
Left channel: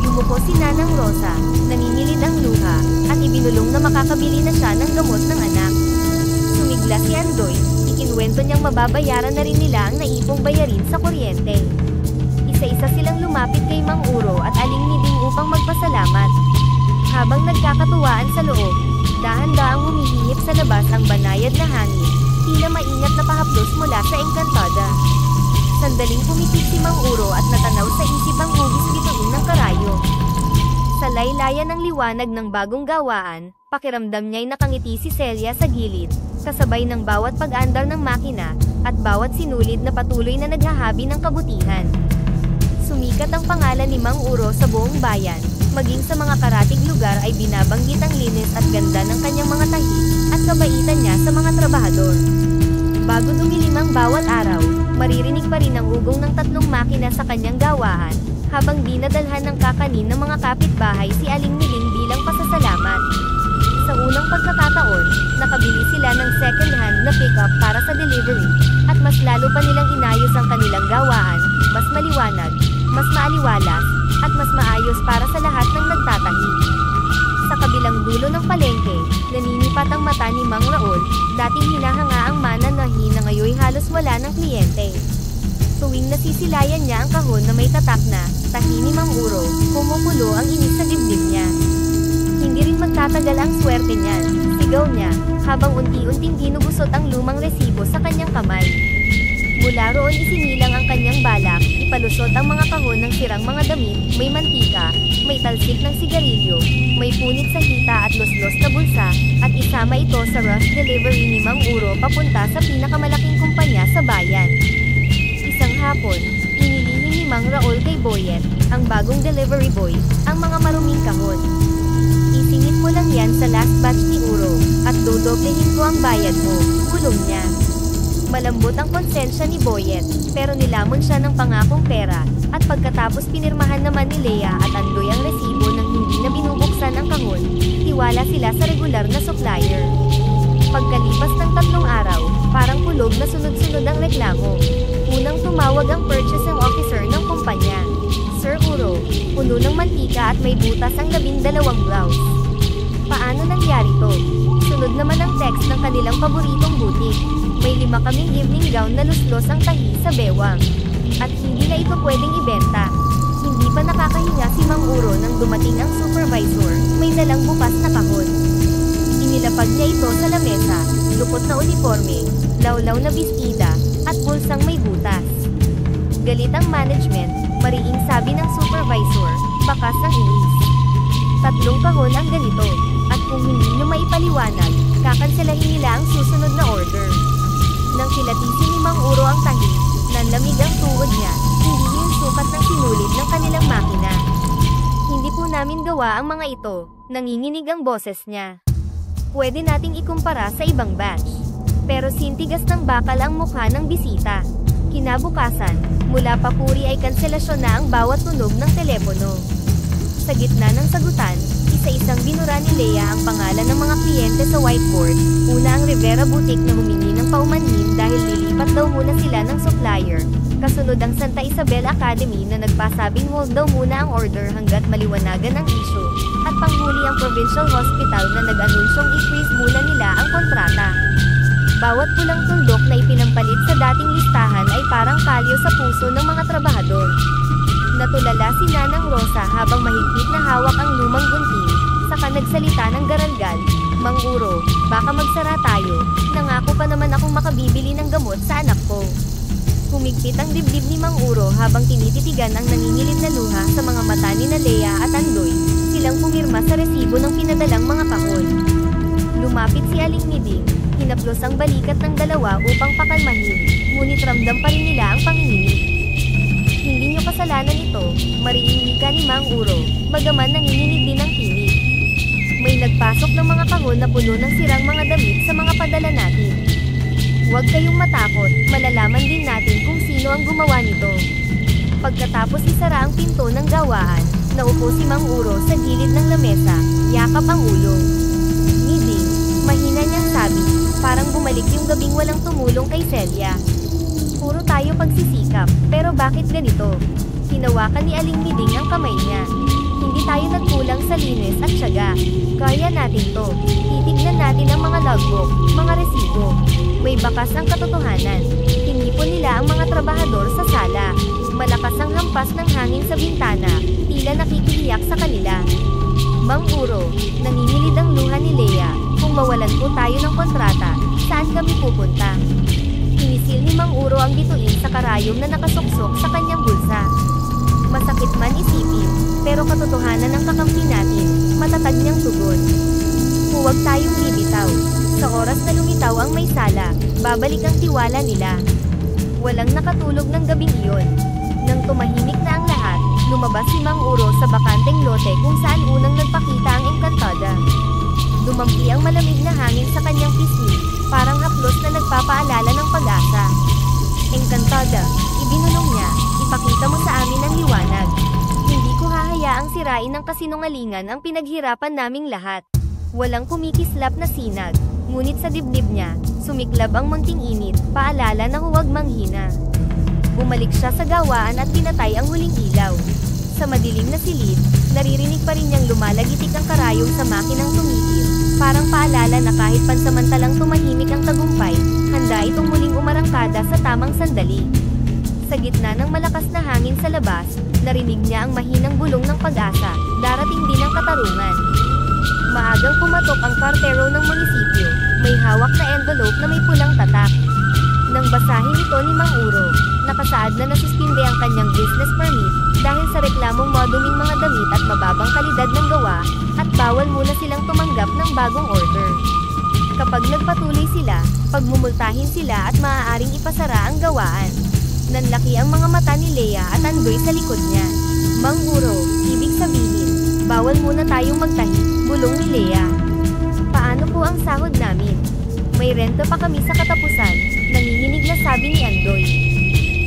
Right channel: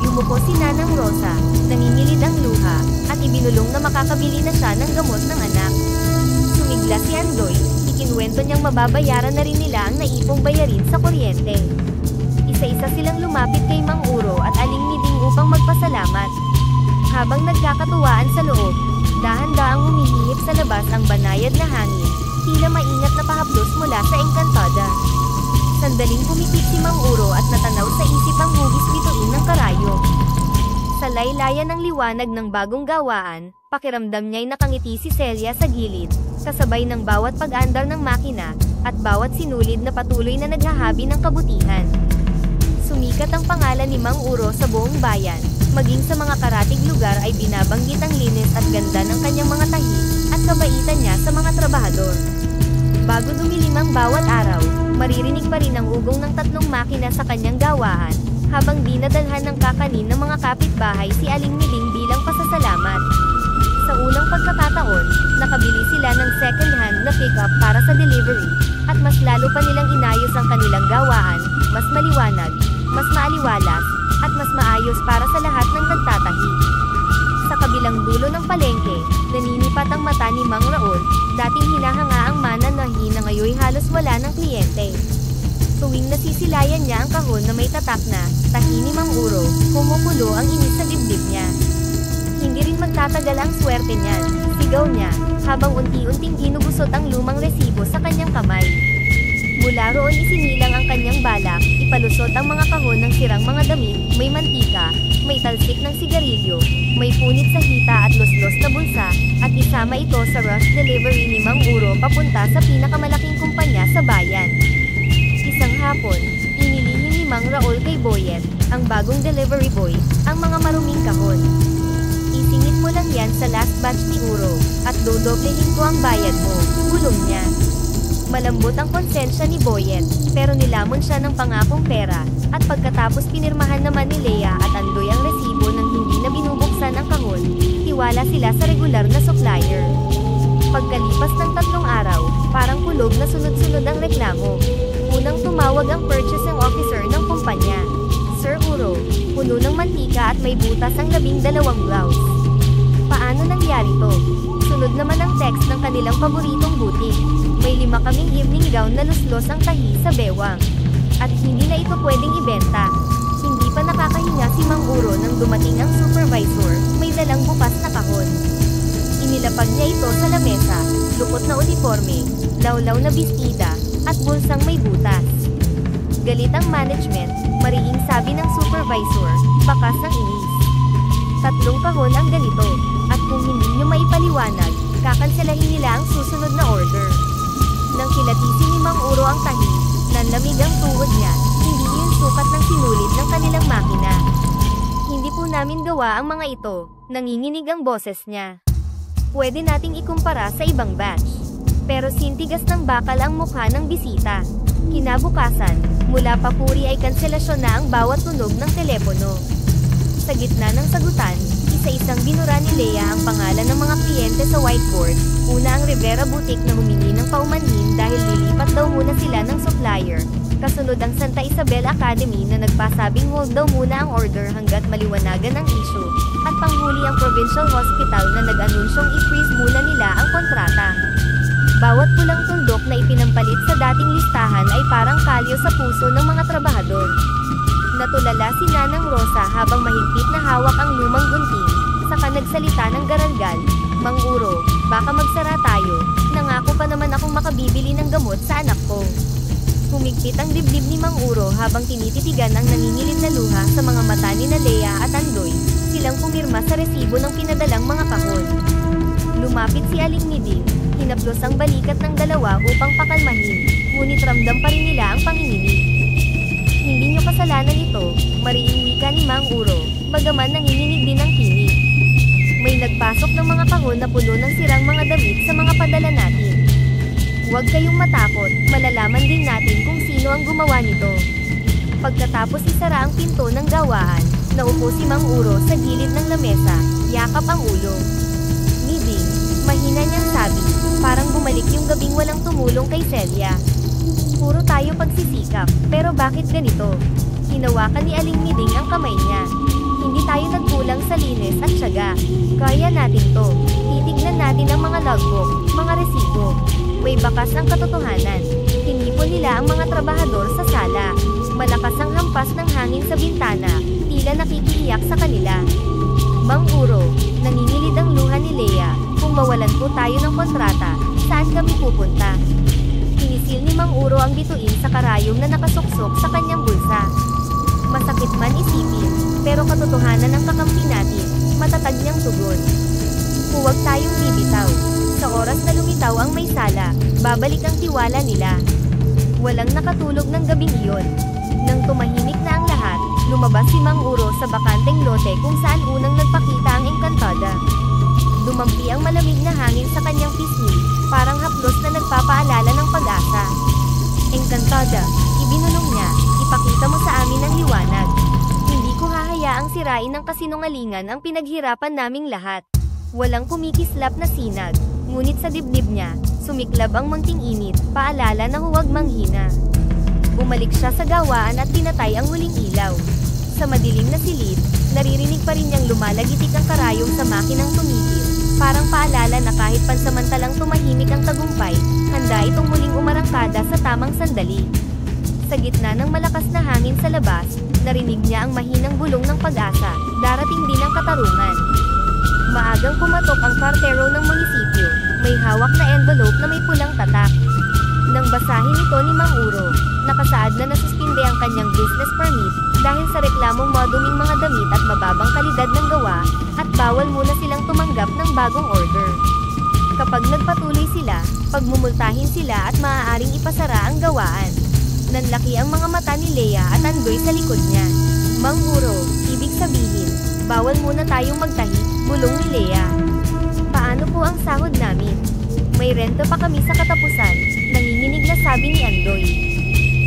Yumuko si Nanang Rosa, nangingilid ang luha, at ibinulong na makakabili na siya ng gamot ng anak. Sumigla si Andoy, ikinwento niyang mababayaran na rin nila ang naipong bayarin sa kuryente. Isa-isa silang lumapit kay Mang Uro at Aling Miding upang magpasalamat. Habang nagkakatuwaan sa loob, dahan-daang humihihip sa labas ang banayad na hangin, tila maingat na pahaplos mula sa Encantada. Sandaling pumikit si Mang Uro at natanaw sa isip ang hugis bituin ng karayom. Sa laylayan ng liwanag ng bagong gawaan, pakiramdam niya'y nakangiti si Celia sa gilid, kasabay ng bawat pag-andar ng makina, at bawat sinulid na patuloy na naghahabi ng kabutihan. Sumikat ang pangalan ni Mang Uro sa buong bayan, maging sa mga karatig lugar ay binabanggit ang linis at ganda ng kanyang mga tahi, at kabaitan niya sa mga trabahador. Bago dumilim ang bawat araw, maririnig pa rin ang ugong ng 3 makina sa kanyang gawaan, habang dinadalhan ng kakanin ng mga kapitbahay si Aling Miding bilang pasasalamat. Sa unang pagkakataon, nakabili sila ng second-hand na pickup para sa delivery, at mas lalo pa nilang inayos ang kanilang gawaan, mas maliwanag, mas maaliwalas, at mas maayos para sa lahat ng nagtatahi. Sa kabilang dulo ng palengke, naninipat ang mata ni Mang Raul, dating hinahanga ang mananahi na ngayoy halos wala ng kliyente. Tuwing nasisilayan niya ang kahon na may tatak na, tahi ni Mang Uro, kumukulo ang inis sa dibdib niya. Hindi rin magtatagal ang swerte niyan, sigaw niya, habang unti-unting ginugusot ang lumang resibo sa kanyang kamay. Mula roon isinilang ang kanyang balak, ipalusot ang mga kahon ng sirang mga damit, may mantika, may talsik ng sigarilyo, may punit sa hita at los-los na bulsa, at isama ito sa rush delivery ni Mang Uro papunta sa pinakamalaking kumpanya sa bayan. Isang hapon, inilihim ni Mang Raul kay Boyet, ang bagong delivery boy, ang mga maruming kahon. Isingit mo lang yan sa last batch ni Uro, at dodoblehin ko ang bayad mo, bulong niya. Malambot ang konsensya ni Boyet, pero nilamon siya ng pangakong pera, at pagkatapos pinirmahan naman ni Lea at Andoy ang resibo ng hindi na binubuksan ang kahon, tiwala sila sa regular na supplier. Pagkalipas ng 3 araw, parang kulog na sunod-sunod ang reklamo. Unang tumawag ang purchasing officer ng kumpanya. Sir Uro, puno ng mantika at may butas ang 12 blouse. Paano nangyari to? Sunod naman ang text ng kanilang paboritong butik. May 5 kaming evening gown na luslos ang tahi sa bewang. At hindi na ito pwedeng ibenta. Hindi pa nakakahinga si Mang Uro nang dumating ang supervisor, may dalang bukas na kahon. Inilapag niya ito sa lamesa, lupot na uniforme, lawlaw na bestida, at bulsang may butas. Galit ang management, mariing sabi ng supervisor, bakas ang inis. 3 kahon ang ganito, at kung hindi nyo maipaliwanag, kakanselahin nila ang susunod na order. Nang kilatisin ni Mang Uro ang tahi, nanlamig ang tuhod niya, hindi yun sukat ng sinulid ng kanilang makina. Hindi po namin gawa ang mga ito, nanginginig ang boses niya. Pwede nating ikumpara sa ibang batch. Pero sintigas ng bakal ang mukha ng bisita. Kinabukasan, mula papuri ay kanselasyon na ang bawat tunog ng telepono. Sa gitna ng sagutan, isa-isang binura ni Lea ang pangalan ng mga kliyente sa whiteboard. Una ang Rivera Boutique na humingi ng paumanhin dahil lilipat daw muna sila ng supplier. Kasunod ang Santa Isabel Academy na nagpasabing hold daw muna ang order hanggat maliwanagan ang issue, at panghuli ang Provincial Hospital na nag-anunsyong i-freeze muna nila ang kontrata. Bawat pulang tuldok na ipinampalit sa dating listahan ay parang kalyo sa puso ng mga trabahador. Natulala si Nanang Rosa habang mahigpit na hawak ang lumang gunting, saka nagsalita ng garalgal, "Mang Uro, baka magsara tayo, nangako pa naman akong makabibili ng gamot sa anak ko." Humigpit ang dibdib ni Mang Uro habang tinititigan ang nangingilid na luha sa mga mata ni Lea at Andoy, silang pumirma sa resibo ng pinadalang mga kahon. Lumapit si Aling Miding, hinaplos ang balikat ng dalawa upang pakalmahin, ngunit ramdam pa rin nila ang panginginig. "Hindi nyo kasalanan ito," mariing wika ni Mang Uro, bagaman nanginginig din ang tinig. "May nagpasok ng mga kahon na puno ng sirang mga damit sa mga padala natin. Huwag kayong matakot, malalaman din natin kung sino ang gumawa nito." Pagkatapos isara ang pinto ng gawaan, naupo si Mang Uro sa gilid ng lamesa, yakap ang ulo. "Miding," mahina niyang sabi, parang bumalik yung gabing walang tumulong kay Celia. "Puro tayo pagsisikap, pero bakit ganito?" Hinawakan ni Aling Miding ang kamay niya. "Hindi tayo nagkulang sa linis at tiyaga. Kaya natin to. Titignan natin ang mga logbook, mga resibo. May bakas ang katotohanan." Tinipon nila ang mga trabahador sa sala. Malakas ang hampas ng hangin sa bintana, tila nakikiiyak sa kanila. "Mang Uro," nanginilid ang luha ni Lea, "kung mawalan po tayo ng kontrata, saan kami pupunta?" Pinisil ni Mang Uro ang bituin sa karayom na nakasuksok sa kanyang bulsa. "Masakit man isipin, pero katotohanan ang kakampi natin," matatag niyang tugon. "Huwag tayong bibitaw. Sa oras na lumitaw ang may sala, babalik ang tiwala nila." Walang nakatulog ng gabing iyon. Nang tumahimik na ang lahat, lumabas si Mang Uro sa bakanteng lote kung saan unang nagpakita ang Encantada. Dumampi ang malamig na hangin sa kanyang pisngi, parang haplos na nagpapaalala ng pag-asa. "Encantada," ibinulong niya, "ipakita mo sa amin ang liwanag. Hindi ko hahayaang sirain ng kasinungalingan ang pinaghirapan naming lahat." Walang kumikislap na sinag, ngunit sa dibdib niya, sumiklab ang munting init, paalala na huwag manghina. Bumalik siya sa gawaan at pinatay ang huling ilaw. Sa madilim na silid, naririnig pa rin niyang lumalagitik ang karayom sa makinang tumigil, parang paalala na kahit pansamantalang tumahimik ang tagumpay, handa itong muling umarangkada sa tamang sandali. Sa gitna ng malakas na hangin sa labas, narinig niya ang mahinang bulong ng pag-asa, darating din ang katarungan. Maagang kumatok ang kartero ng munisipyo, may hawak na envelope na may pulang tatak. Nang basahin ito ni Mang Uro, nakasaad na nasuspinde ang kanyang business permit, dahil sa reklamong maduming mga damit at mababang kalidad ng gawa, at bawal muna silang tumanggap ng bagong order. Kapag nagpatuloy sila, pagmumultahin sila at maaaring ipasara ang gawaan. Nanlaki ang mga mata ni Lea at Andoy sa likod niya. "Mang Uro, ibig sabihin, bawal muna tayong magtahi," bulong ni Lea. "Paano po ang sahod namin? May renta pa kami sa katapusan," nanginginig na sabi ni Andoy.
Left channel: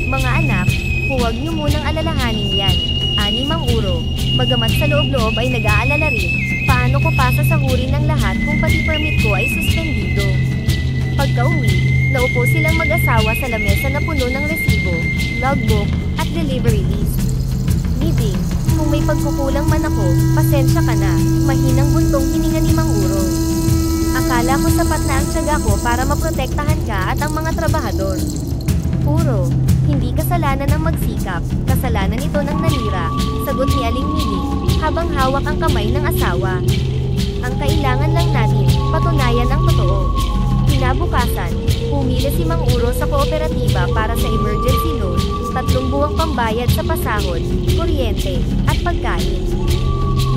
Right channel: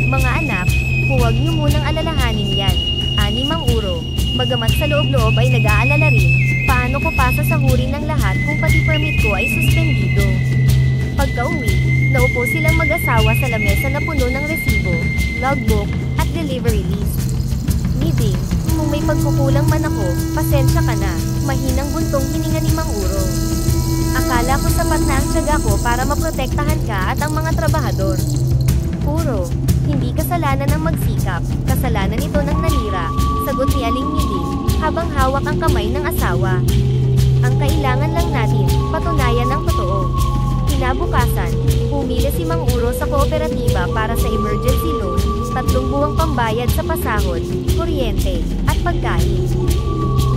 "Mga anak, huwag niyo munang alalahanin yan," ani Mang Uro, bagamat sa loob-loob ay nag-aalala rin, paano ko pa sasahurin ng lahat kung pati permit ko ay suspendido. Pagka-uwi, naupo silang mag-asawa sa lamesa na puno ng resibo, logbook, at delivery list. "Miding, kung may pagkukulang man ako, pasensya ka na," mahinang buntong hininga ni Mang Uro. "Akala ko sapat na ang tiyaga ko para maprotektahan ka at ang mga trabahador." "Uro, hindi kasalanan ng magsikap, kasalanan ito ng nanira," sagot ni Aling Miding, habang hawak ang kamay ng asawa. "Ang kailangan lang natin, patunayan ang totoo." Kinabukasan, pumili si Mang Uro sa kooperatiba para sa emergency loan, 3 buwang pambayad sa pasahod, kuryente, at pagkain.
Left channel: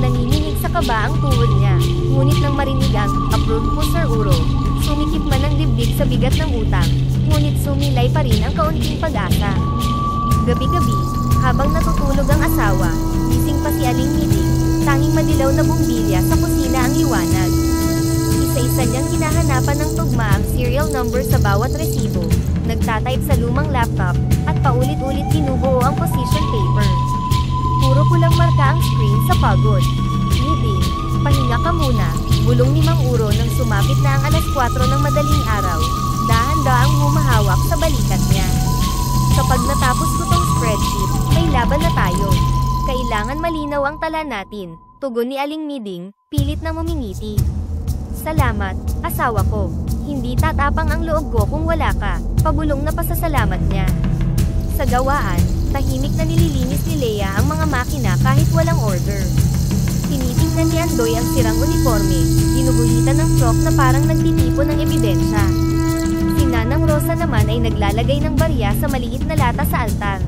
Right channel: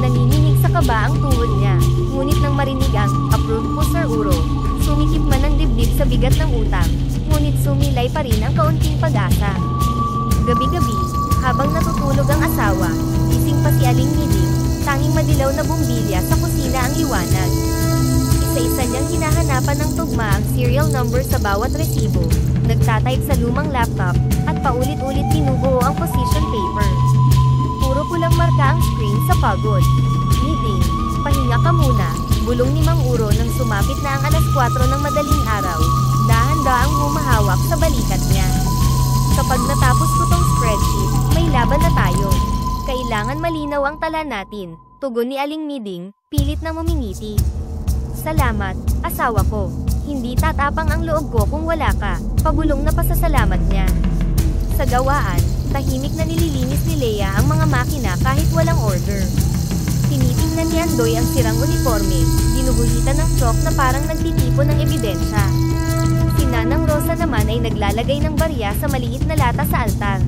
Nanginginig sa kaba ang tuhod niya, ngunit nang marinig ang "Approved po Sir Uro," sumikip man ang dibdib sa bigat ng utang, ngunit sumilay pa rin ang kaunting pag-asa. Gabi-gabi, habang natutulog ang asawa, gising pa si Aling Miding, tanging madilaw na bumbilya sa kusina ang liwanag. Isa-isa niyang hinahanapan ng tugma ang serial number sa bawat resibo, nagtatype sa lumang laptop, at paulit-ulit binubuo ang position paper. Puro pulang marka ang screen sa pagod. "Miding, pahinga ka muna," bulong ni Mang Uro nang sumapit na ang 4:00 ng madaling araw, dahan-daang humahawak sa balikat niya. Kapag natapos ko tong spreadsheet, may laban na tayo. Kailangan malinaw ang tala natin, tugon ni Aling Miding, pilit na ngumingiti. Salamat, asawa ko. Hindi tatapang ang loob ko kung wala ka, pabulong na pasasalamat niya. Sa gawaan, tahimik na nililinis ni Leia ang mga makina kahit walang order. Tinitingnan ni Andoy ang sirang uniforme, ginuguhitan ng chalk na parang nagtitipon ng ebidensya. Si Nanang Rosa naman ay naglalagay ng barya sa maliit na lata sa altar.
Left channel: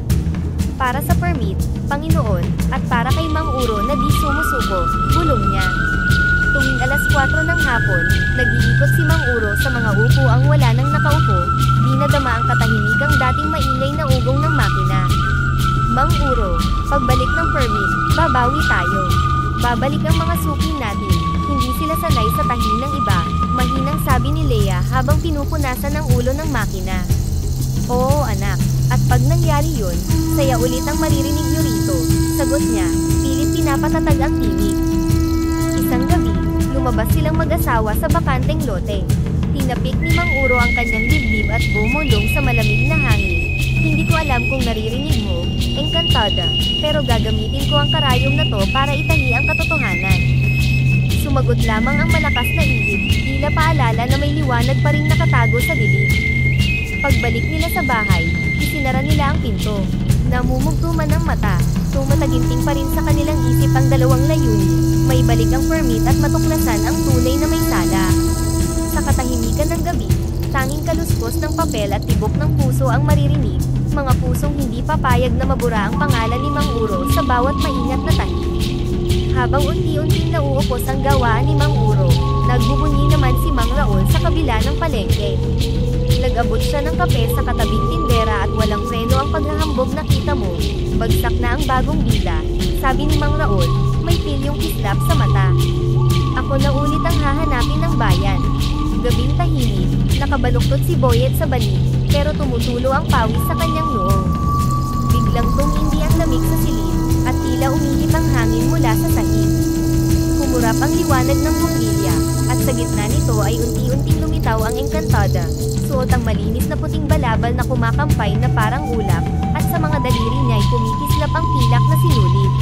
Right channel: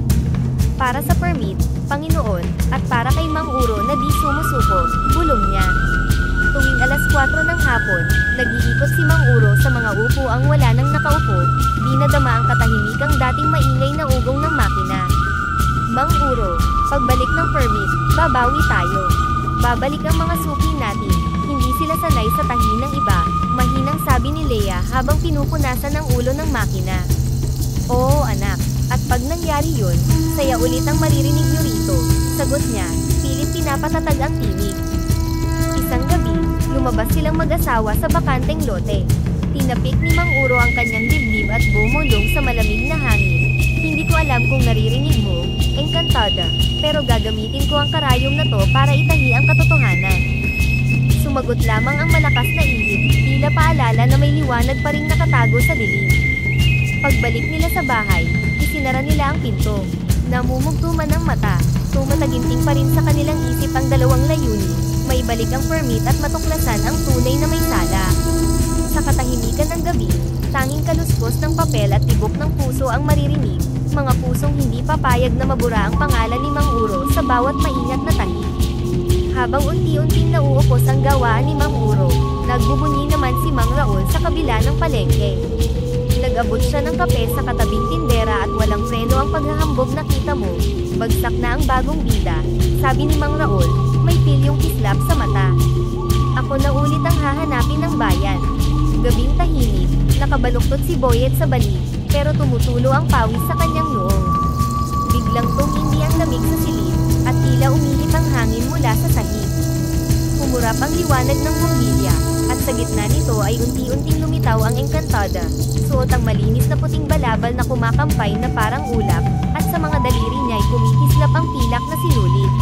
Para sa permit, Panginoon, at para kay Mang Uro na di sumusuko, bulong niya. Tuwing alas 4 ng hapon, nag-iikot si Mang Uro sa mga upuang wala nang nakaupo, di nadama ang katahimikang dating maingay na ugong ng makina. Mang Uro, pagbalik ng permit, babawi tayo. Babalik ang mga suki natin, hindi sila sanay sa tahi ng iba, mahinang sabi ni Leia habang pinupunasan ang ulo ng makina. Oo anak, at pag nangyari yun, saya ulit ang maririnig nyo rito, sagot niya, pilit pinapatatag ang tinig. Isang gabi, lumabas silang mag-asawa sa bakanteng lote. Tinapik ni Mang Uro ang kanyang dibdib at bumulong sa malamig na hangin. Hindi ko alam kung naririnig mo, Encantada, pero gagamitin ko ang karayom na to para itahi ang katotohanan. Sumagot lamang ang malakas na ihip, tila paalala na may liwanag pa ring nakatago sa dilim. Pagbalik nila sa bahay, isinara nila ang pinto. Namumugto man ang mata, tumataginting pa rin sa kanilang isip ang dalawang layunin, may balik ang permit at matuklasan ang tunay na may sala. Sa katahimikan ng gabi, tanging kaluskos ng papel at tibok ng puso ang maririnig, mga pusong hindi papayag na mabura ang pangalan ni Mang Uro sa bawat maingat na tahi. Habang unti-unting nauupos ang gawaan ni Mang Uro, nagbubunyi naman si Mang Raul sa kabila ng palengke. Nag-abot siya ng kape sa katabing tindera at walang preno ang paghahambog na kita mo, bagsak na ang bagong bida, sabi ni Mang Raul, may pilyong kislap sa mata. Ako na ulit ang hahanapin ng bayan. Gabing tahimik, nakabaluktot si Boyet sa balik, pero tumutulo ang pawis sa kanyang noo. Biglang tumindi ang lamig sa silid, at tila umihip ang hangin mula sa sahig. Humurap ang liwanag ng bumbilya, at sa gitna nito ay unti-unting lumitaw ang Encantada, suot ang malinis na puting balabal na kumakampay na parang ulap, at sa mga daliri niya ay kumikislap ang pilak na sinulit.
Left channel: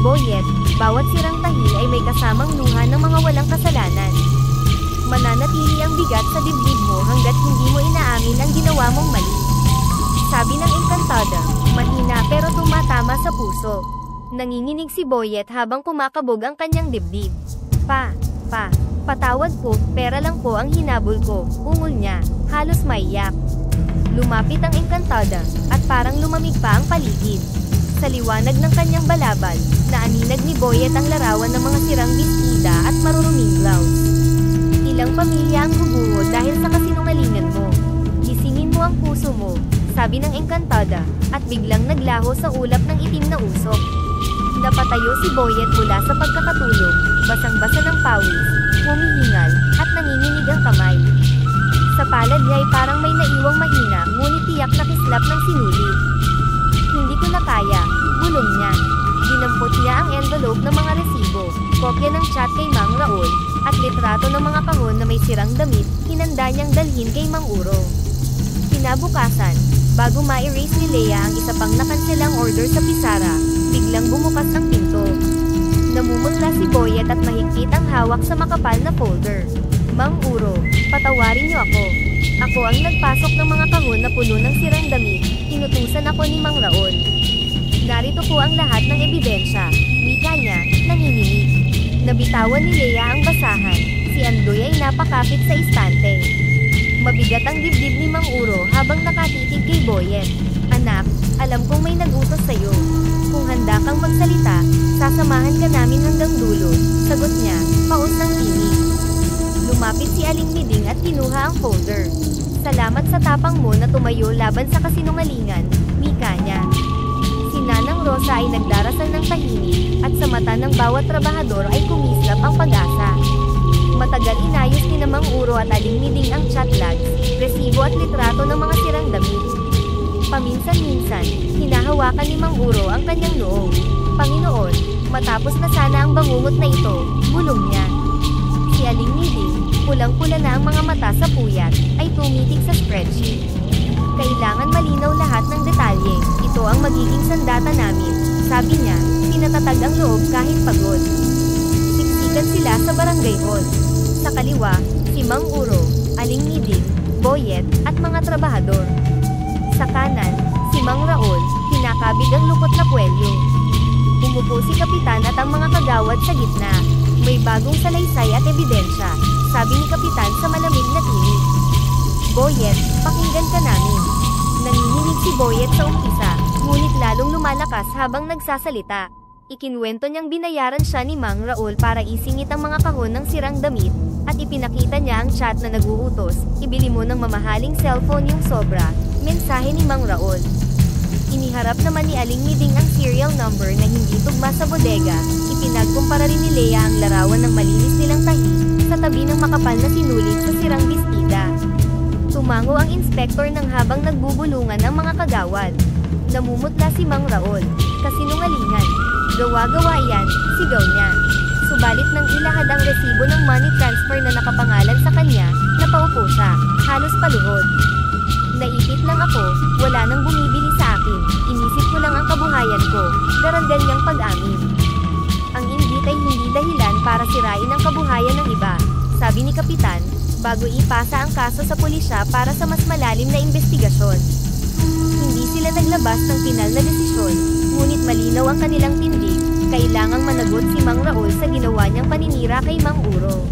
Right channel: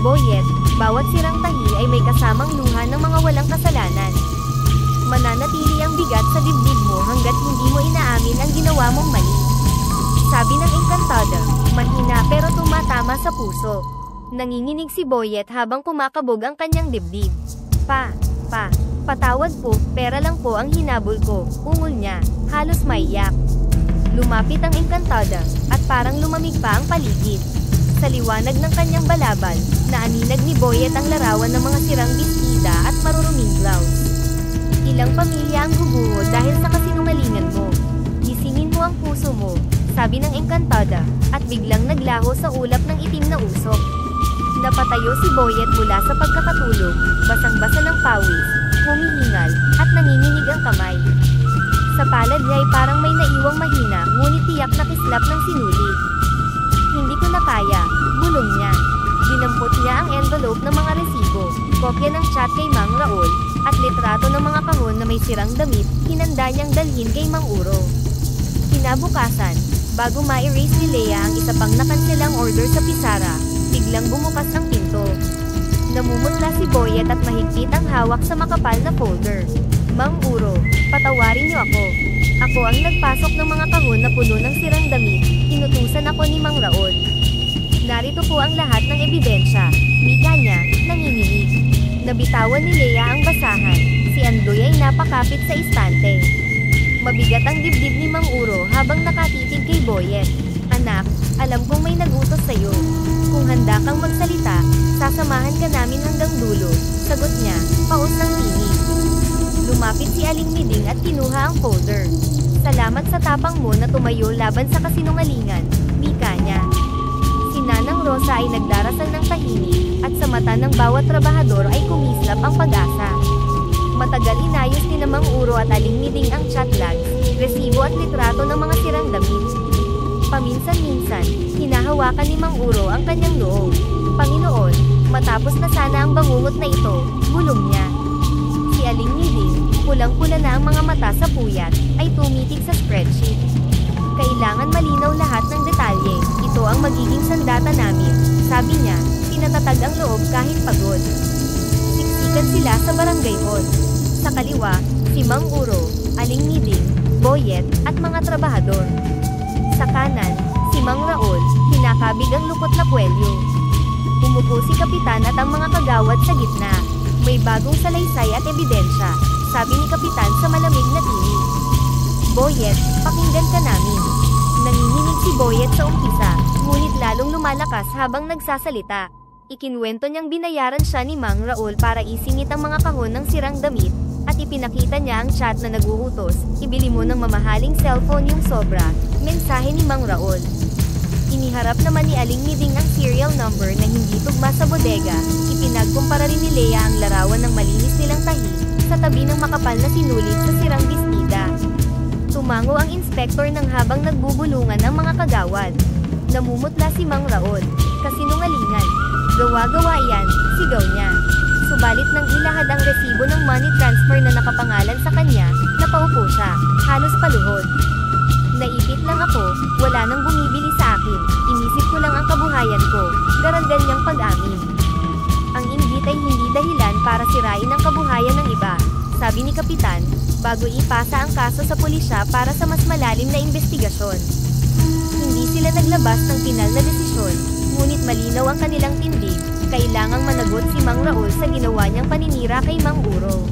Boyet, bawat sirang tahi ay may kasamang luha ng mga walang kasalanan. Mananatili ang bigat sa dibdib mo hanggat hindi mo inaamin ang ginawa mong mali. Sabi ng Encantada, mahina pero tumatama sa puso. Nanginginig si Boyet habang kumakabog ang kanyang dibdib. Patawad po, pera lang po ang hinabol ko, ungol niya, halos maiyak. Lumapit ang Encantada, at parang lumamig pa ang paligid. Sa liwanag ng kanyang balabal, naaninag ni Boyet ang larawan ng mga sirang bestida at maruruming blouse. Ilang pamilya ang guguho dahil sa kasinungalingan mo. Gisingin mo ang puso mo, sabi ng Encantada, at biglang naglaho sa ulap ng itim na usok. Napatayo si Boyet mula sa pagkakatulog, basang-basa ng pawis, humihingal, at nanginginig ang kamay. Sa palad niya ay parang may naiwang mahina, ngunit tiyak na kislap ng sinulit. Hindi ko na kaya, bulong niya. Dinampot niya ang envelope ng mga resibo, kopya ng chat kay Mang Raul, at litrato ng mga kahon na may sirang damit, hinanda niyang dalhin kay Mang Uro. Kinabukasan, bago ma-erase ni Leia ang isa pang nakanselang order sa pisara, biglang bumukas ang pinto. Namumutla si Boyet at mahigpit ang hawak sa makapal na folder. Mang Uro, patawarin niyo ako. Ako ang nagpasok ng mga kahon na puno ng sirang damit, inutusan ako ni Mang Raul. Narito po ang lahat ng ebidensya, wika niya, nanginginig. Nabitawan ni Leia ang basahan, si Andoy ay napakapit sa istante. Mabigat ang dibdib ni Mang Uro habang nakatitig kay Boyet. Anak, alam kong may nagutos sa'yo. Kung handa kang magsalita, sasamahan ka namin hanggang dulo, sagot niya, paus ng tinig. Lumapit si Aling Miding at kinuha ang folder. Salamat sa tapang mo na tumayo laban sa kasinungalingan, wika niya. Si Nanang Rosa ay nagdarasal ng tahimik, at sa mata ng bawat trabahador ay kumislap ang pag-asa. Matagal inayos ni Mang Uro at Aling Miding ang chat logs, resibo at litrato ng mga sirang damit. Paminsan-minsan, hinahawakan ni Mang Uro ang kanyang noo. Panginoon, matapos na sana ang bangungot na ito, bulong niya. Si Aling Miding, pulang-pula na ang mga mata sa puyat, ay tumitig sa spreadsheet. Kailangan malinaw lahat ng detalye. Ito ang magiging sandata namin. Sabi niya, pinatatag ang loob kahit pagod. Siksikan sila sa barangay hall. Sa kaliwa, si Mang Uro, Aling Niding, Boyet, at mga trabahador. Sa kanan, si Mang Raul, kinakabig ang lukot na puwelyo. Umupo si Kapitan at ang mga kagawad sa gitna. May bagong salaysay at ebidensya, sabi ni Kapitan sa malamig na tinig. Boyet, pakinggan ka namin. Nanginginig si Boyet sa umpisa, ngunit lalong lumalakas habang nagsasalita. Ikinwento niyang binayaran siya ni Mang Raul para isingit ang mga kahon ng sirang damit, at ipinakita niya ang chat na naguutos, ibili mo ng mamahaling cellphone yung sobra, mensahe ni Mang Raul. Iniharap naman ni Aling Niding ang serial number na hindi tugma sa bodega, ipinagkumpara rin ni Lea ang larawan ng malinis nilang tahi, sa tabi ng makapal na sinulit sa sirang bestida. Tumango ang inspektor nang habang nagbubulungan ang mga kagawad. Namumutla si Mang Raul, kasinungalingan. Gawa-gawa yan, sigaw niya. Subalit nang ilahad ang resibo ng money transfer na nakapangalan sa kanya, napaupo siya, halos paluhod. Naipit lang ako, wala nang bumibili sa akin, inisip ko lang ang kabuhayan ko, daragdan niyang pag-amin. Ang inggit ay hindi dahilan para sirain ang kabuhayan ng iba, sabi ni Kapitan, bago ipasa ang kaso sa pulisya para sa mas malalim na investigasyon. Hindi sila naglabas ng pinal na desisyon, ngunit malinaw ang kanilang tindig, kailangang managot si Mang Raul sa ginawa niyang paninira kay Mang Uro.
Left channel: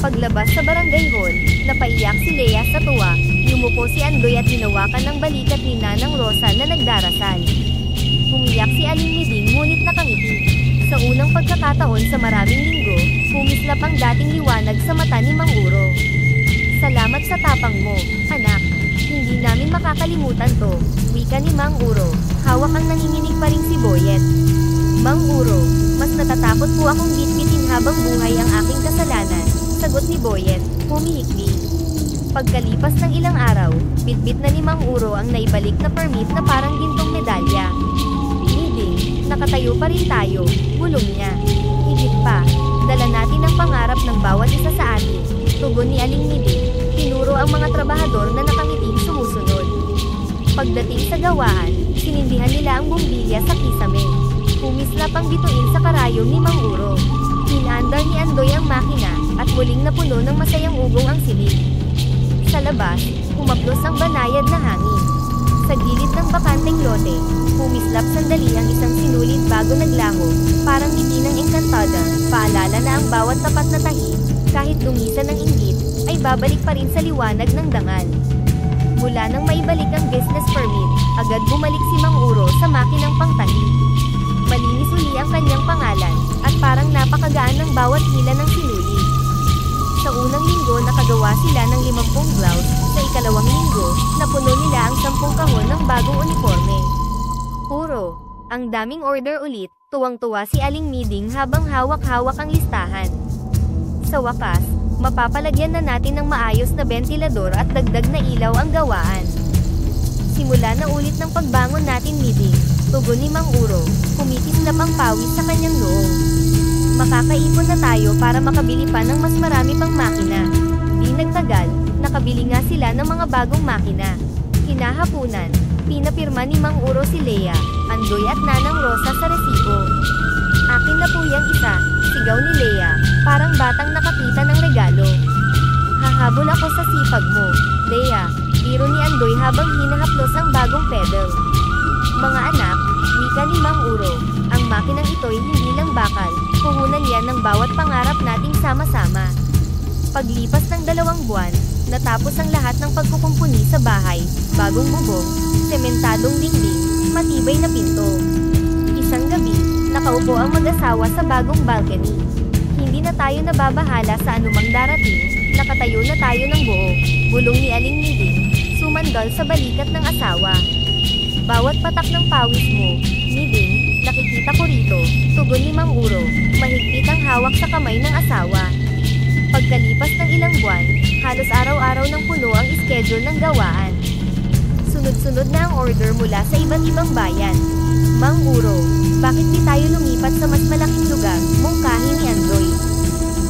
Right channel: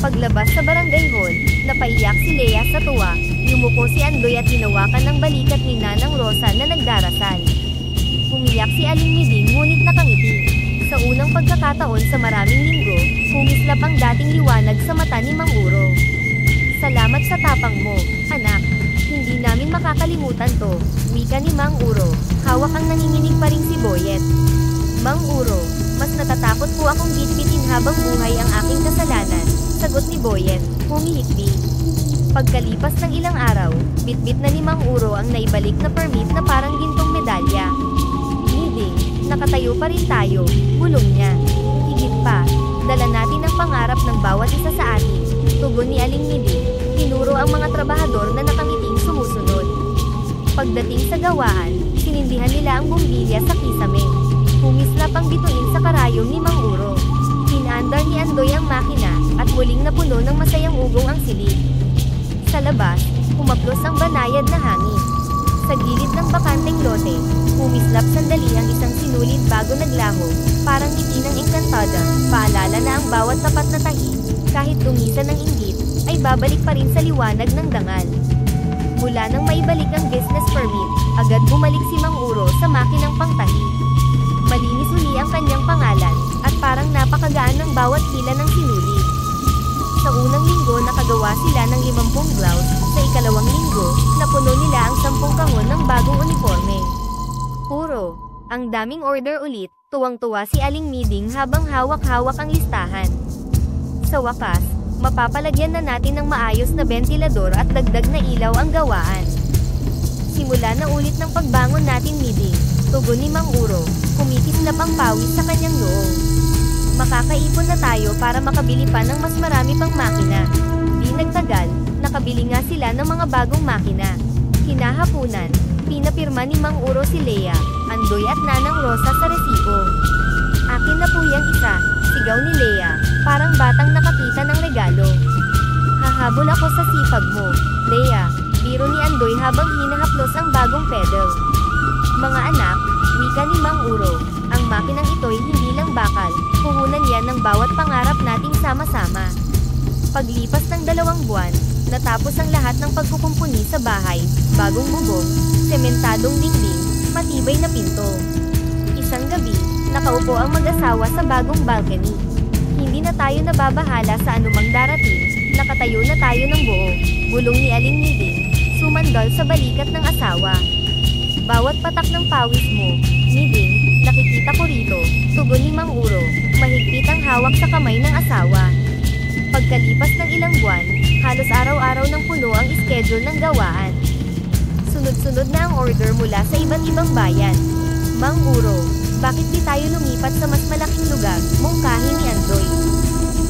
Paglabas sa barangay hall, napaiyak si Lea sa tuwa, yumuko si Andoy at hinawakan ng balikat ni Nanang Rosa na nagdarasal. Umiyak si Aling Niding ngunit nakangiti. Sa unang pagkakataon sa maraming linggo, kumislap ang dating liwanag sa mata ni Mang Uro. Salamat sa tapang mo, anak. Hindi namin makakalimutan to, wika ni Mang Uro, hawak ang nanginginig pa ring si Boyet. Mang Uro, mas natatakot po akong bitbitin habang buhay ang aking kasalanan, sagot ni Boyet, humihikbi. Pagkalipas ng ilang araw, bitbit na ni Mang Uro ang naibalik na permit na parang gintong medalya. Niding, nakatayo pa rin tayo, bulong niya. Higit pa, dala natin ang pangarap ng bawat isa sa atin, tugon ni Aling Niding, tinuro ang mga trabahador na nakangiting sumusunod. Pagdating sa gawaan, sinindihan nila ang bumbilya sa kisame. Humislap ang bituin sa karayom ni Mang Uro. Pinaandar ni Andoy ang makina, at muling napuno ng masayang ugong ang silid. Sa labas, humaplos ang banayad na hangin. Sa gilid ng bakanteng lote, humislap sandali ang isang sinulid bago naglaho, parang ngiti ng engkantada, paalala na ang bawat tapat na tahi, kahit dumisan ng inggit, ay babalik pa rin sa liwanag ng dangal. Mula nang maibalik ang business permit, agad bumalik si Mang Uro sa makinang pangtahi. Malinis uli ang kanyang pangalan, at parang napakagaan ng bawat hila ng sinulid. Sa unang linggo nakagawa sila ng 50 blouse, sa ikalawang linggo, napuno nila ang 10 kahon ng bagong uniforme. Uro, ang daming order ulit, tuwang-tuwa si Aling Niding habang hawak-hawak ang listahan. Sa wakas, mapapalagyan na natin ng maayos na bentilador at dagdag na ilaw ang gawaan. Simula na ulit ng pagbangon natin, Niding, tugon ni Mang Uro, kumikislap ang pawis sa kanyang noo. Makakaipon na tayo para makabili pa ng mas marami pang makina. Di nagtagal, nakabili nga sila ng mga bagong makina. Kinahapunan, pinapirma ni Mang Uro si Lea, Andoy at Nanang Rosa sa resibo. Akin na po yang isa, sigaw ni Lea, parang batang nakakita ng regalo. Hahabol ako sa sipag mo, Lea, biro ni Andoy habang hinahaplos ang bagong pedal. Mga anak, wika ni Mang Uro, ang makinang ito'y hindi lang bakal, puhunan yan ng bawat pangarap nating sama-sama. Paglipas ng 2 buwan, natapos ang lahat ng pagkukumpuni sa bahay, bagong bubong, sementadong dingding, matibay na pinto. Isang gabi, nakaupo ang mag-asawa sa bagong balcony. Hindi na tayo nababahala sa anumang darating, nakatayo na tayo ng buo, bulong ni Aling Niding, sumandal sa balikat ng asawa. Bawat patak ng pawis mo, Niding, nakikita ko rito, tugon ni Mang Uro, mahigpit ang hawak sa kamay ng asawa. Pagkalipas ng ilang buwan, halos araw-araw ng puno ang schedule ng gawaan. Sunod-sunod na ang order mula sa iba't ibang bayan. Mang Uro, bakit di tayo lumipat sa mas malaking lugar, mungkahi ni Andoy.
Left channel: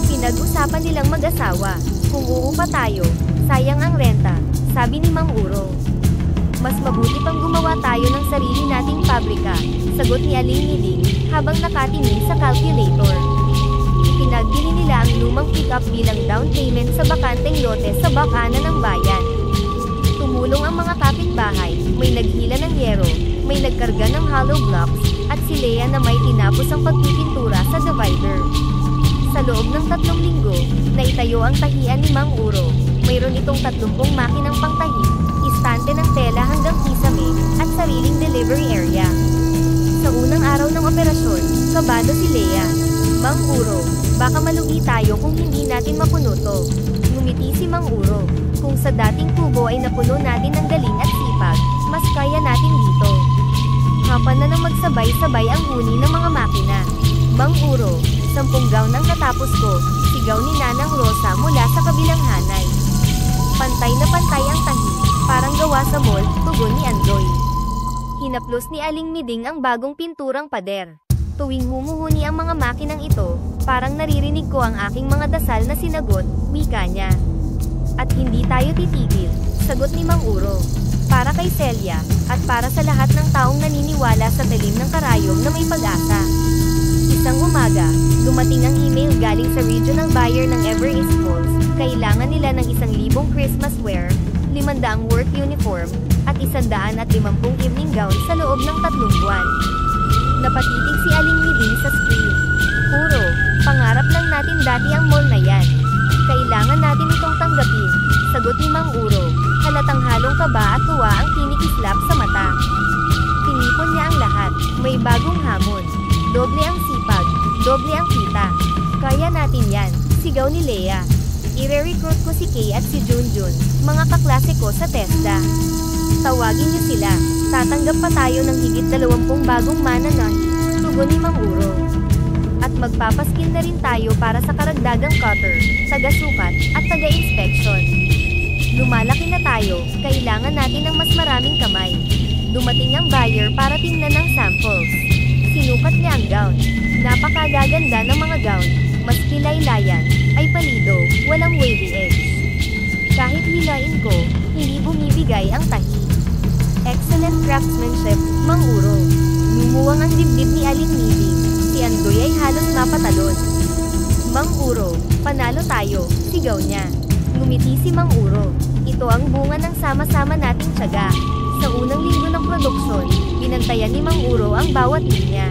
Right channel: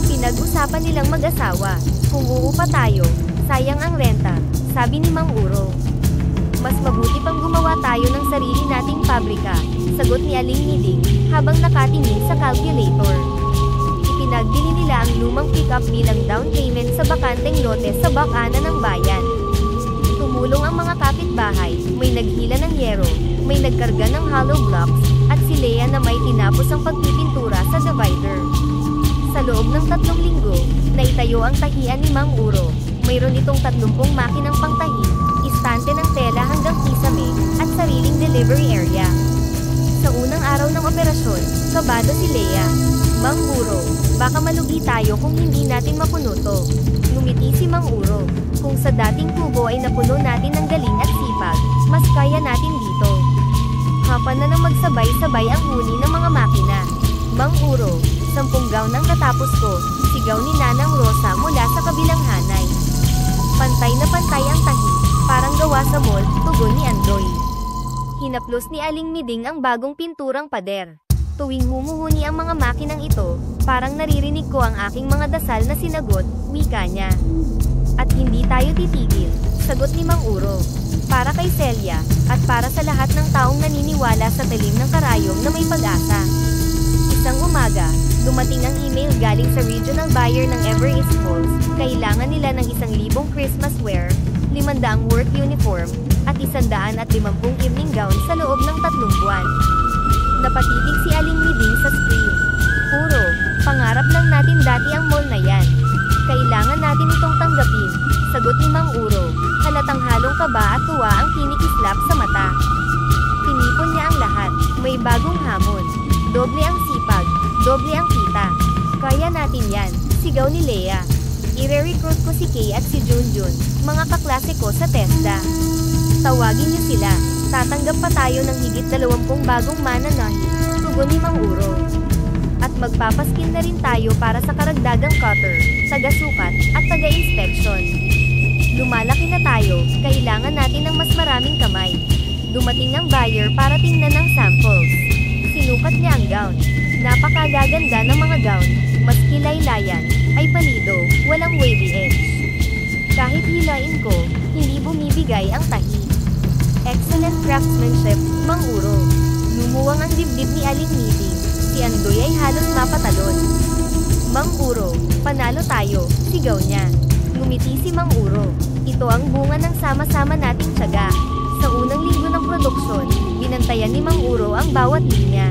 Pinag-usapan nilang mag-asawa, kung uupa tayo, sayang ang renta, sabi ni Mang Uro. Mas mabuti pang gumawa tayo ng sarili nating pabrika, sagot ni Aling Miding, habang nakatingin sa calculator. Ipinagbili nila ang lumang pickup bilang down payment sa bakanteng lote sa bakana ng bayan. Tumulong ang mga kapitbahay, may naghila ng yero, may nagkarga ng hollow blocks, at si Lea na may tinapos ang pagpipintura sa divider. Sa loob ng 3 linggo, naitayo ang tahian ni Mang Uro. Mayroon itong 30 makinang pangtahi, istante ng tela hanggang kisame, at sariling delivery area. Sa unang araw ng operasyon, kabado si Lea. Mang Uro, baka malugi tayo kung hindi natin mapuno to. Ngumiti si Mang Uro. Kung sa dating kubo ay napuno natin ng galing at sipag, mas kaya natin dito. Hapan na nang magsabay-sabay ang huni ng mga makina. Mang Uro, 10 gown ang natapos ko, sigaw ni Nanang Rosa mula sa kabilang hanay. Pantay na pantay ang tahi, parang gawa sa mall, tugon ni Andoy. Hinaplos ni Aling Miding ang bagong pinturang pader. Tuwing humuhuni ang mga makinang ito, parang naririnig ko ang aking mga dasal na sinagot, wika niya. At hindi tayo titigil, sagot ni Mang Uro. Para kay Celia, at para sa lahat ng taong naniniwala sa talim ng karayom na may pag-asa. Isang umaga, dumating ang email galing sa regional buyer ng Ever East Malls. Kailangan nila ng 1,000 Christmas wear, 500 work uniform, at 150 evening gown sa loob ng 3 buwan. Napatitig si Aling Miding sa screen. Puro, pangarap lang natin dati ang mall na yan. Kailangan natin itong tanggapin, sagot ni Mang Uro. Halatang halong kaba at tuwa ang kinikislap sa mata. Tinipon niya ang lahat, may bagong hamon. Doble ang sipag, doble ang kita. Kaya natin yan, sigaw ni Lea. Ire-recruit ko si Kay at si Junjun, mga kaklase ko sa TESDA. Tawagin niyo sila, tatanggap pa tayo ng higit 20 bagong mananahi, tugon ni Mang Uro. At magpapaskin na rin tayo para sa karagdagang cutter, taga-sukat, at taga-inspection. Lumalaki na tayo, kailangan natin ng mas maraming kamay. Dumating ang buyer para tingnan ng samples. Sinukat niya ang gown. Napakagaganda ng mga gown, mas kilaylayan, ay palido, walang wavy edge. Kahit hilain ko, hindi bumibigay ang tahi. Excellent craftsmanship, Mang Uro. Lumuwang ang dibdib ni Aling Miding. Si Andoy ay halos mapatalon. Mang Uro, panalo tayo, sigaw niya. Ngumiti si Mang Uro. Ito ang bunga ng sama-sama nating tiyaga. Sa unang linggo ng produksyon, binantayan ni Mang Uro ang bawat linya.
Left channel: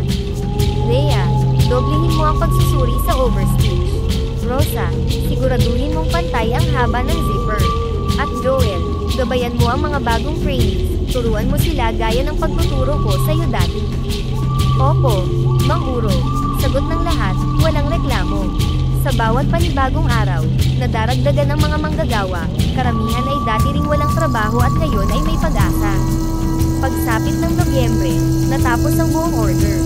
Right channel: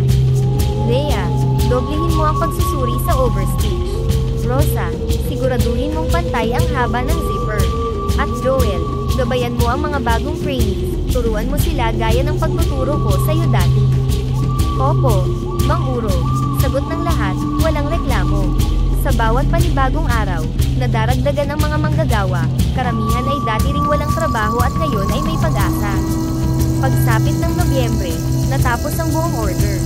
Lea, doblehin mo ang pagsusuri sa overstitch. Rosa, siguraduhin mong pantay ang haba ng zipper. At Joel, gabayan mo ang mga bagong trainees. Turuan mo sila gaya ng pagtuturo ko sa'yo dati. Opo, Mang Uro, sagot ng lahat, walang reklamo. Sa bawat panibagong araw, nadaragdagan ang mga manggagawa, karamihan ay dati ring walang trabaho at ngayon ay may pag-asa. Pagsapit ng Nobyembre, natapos ang buong order.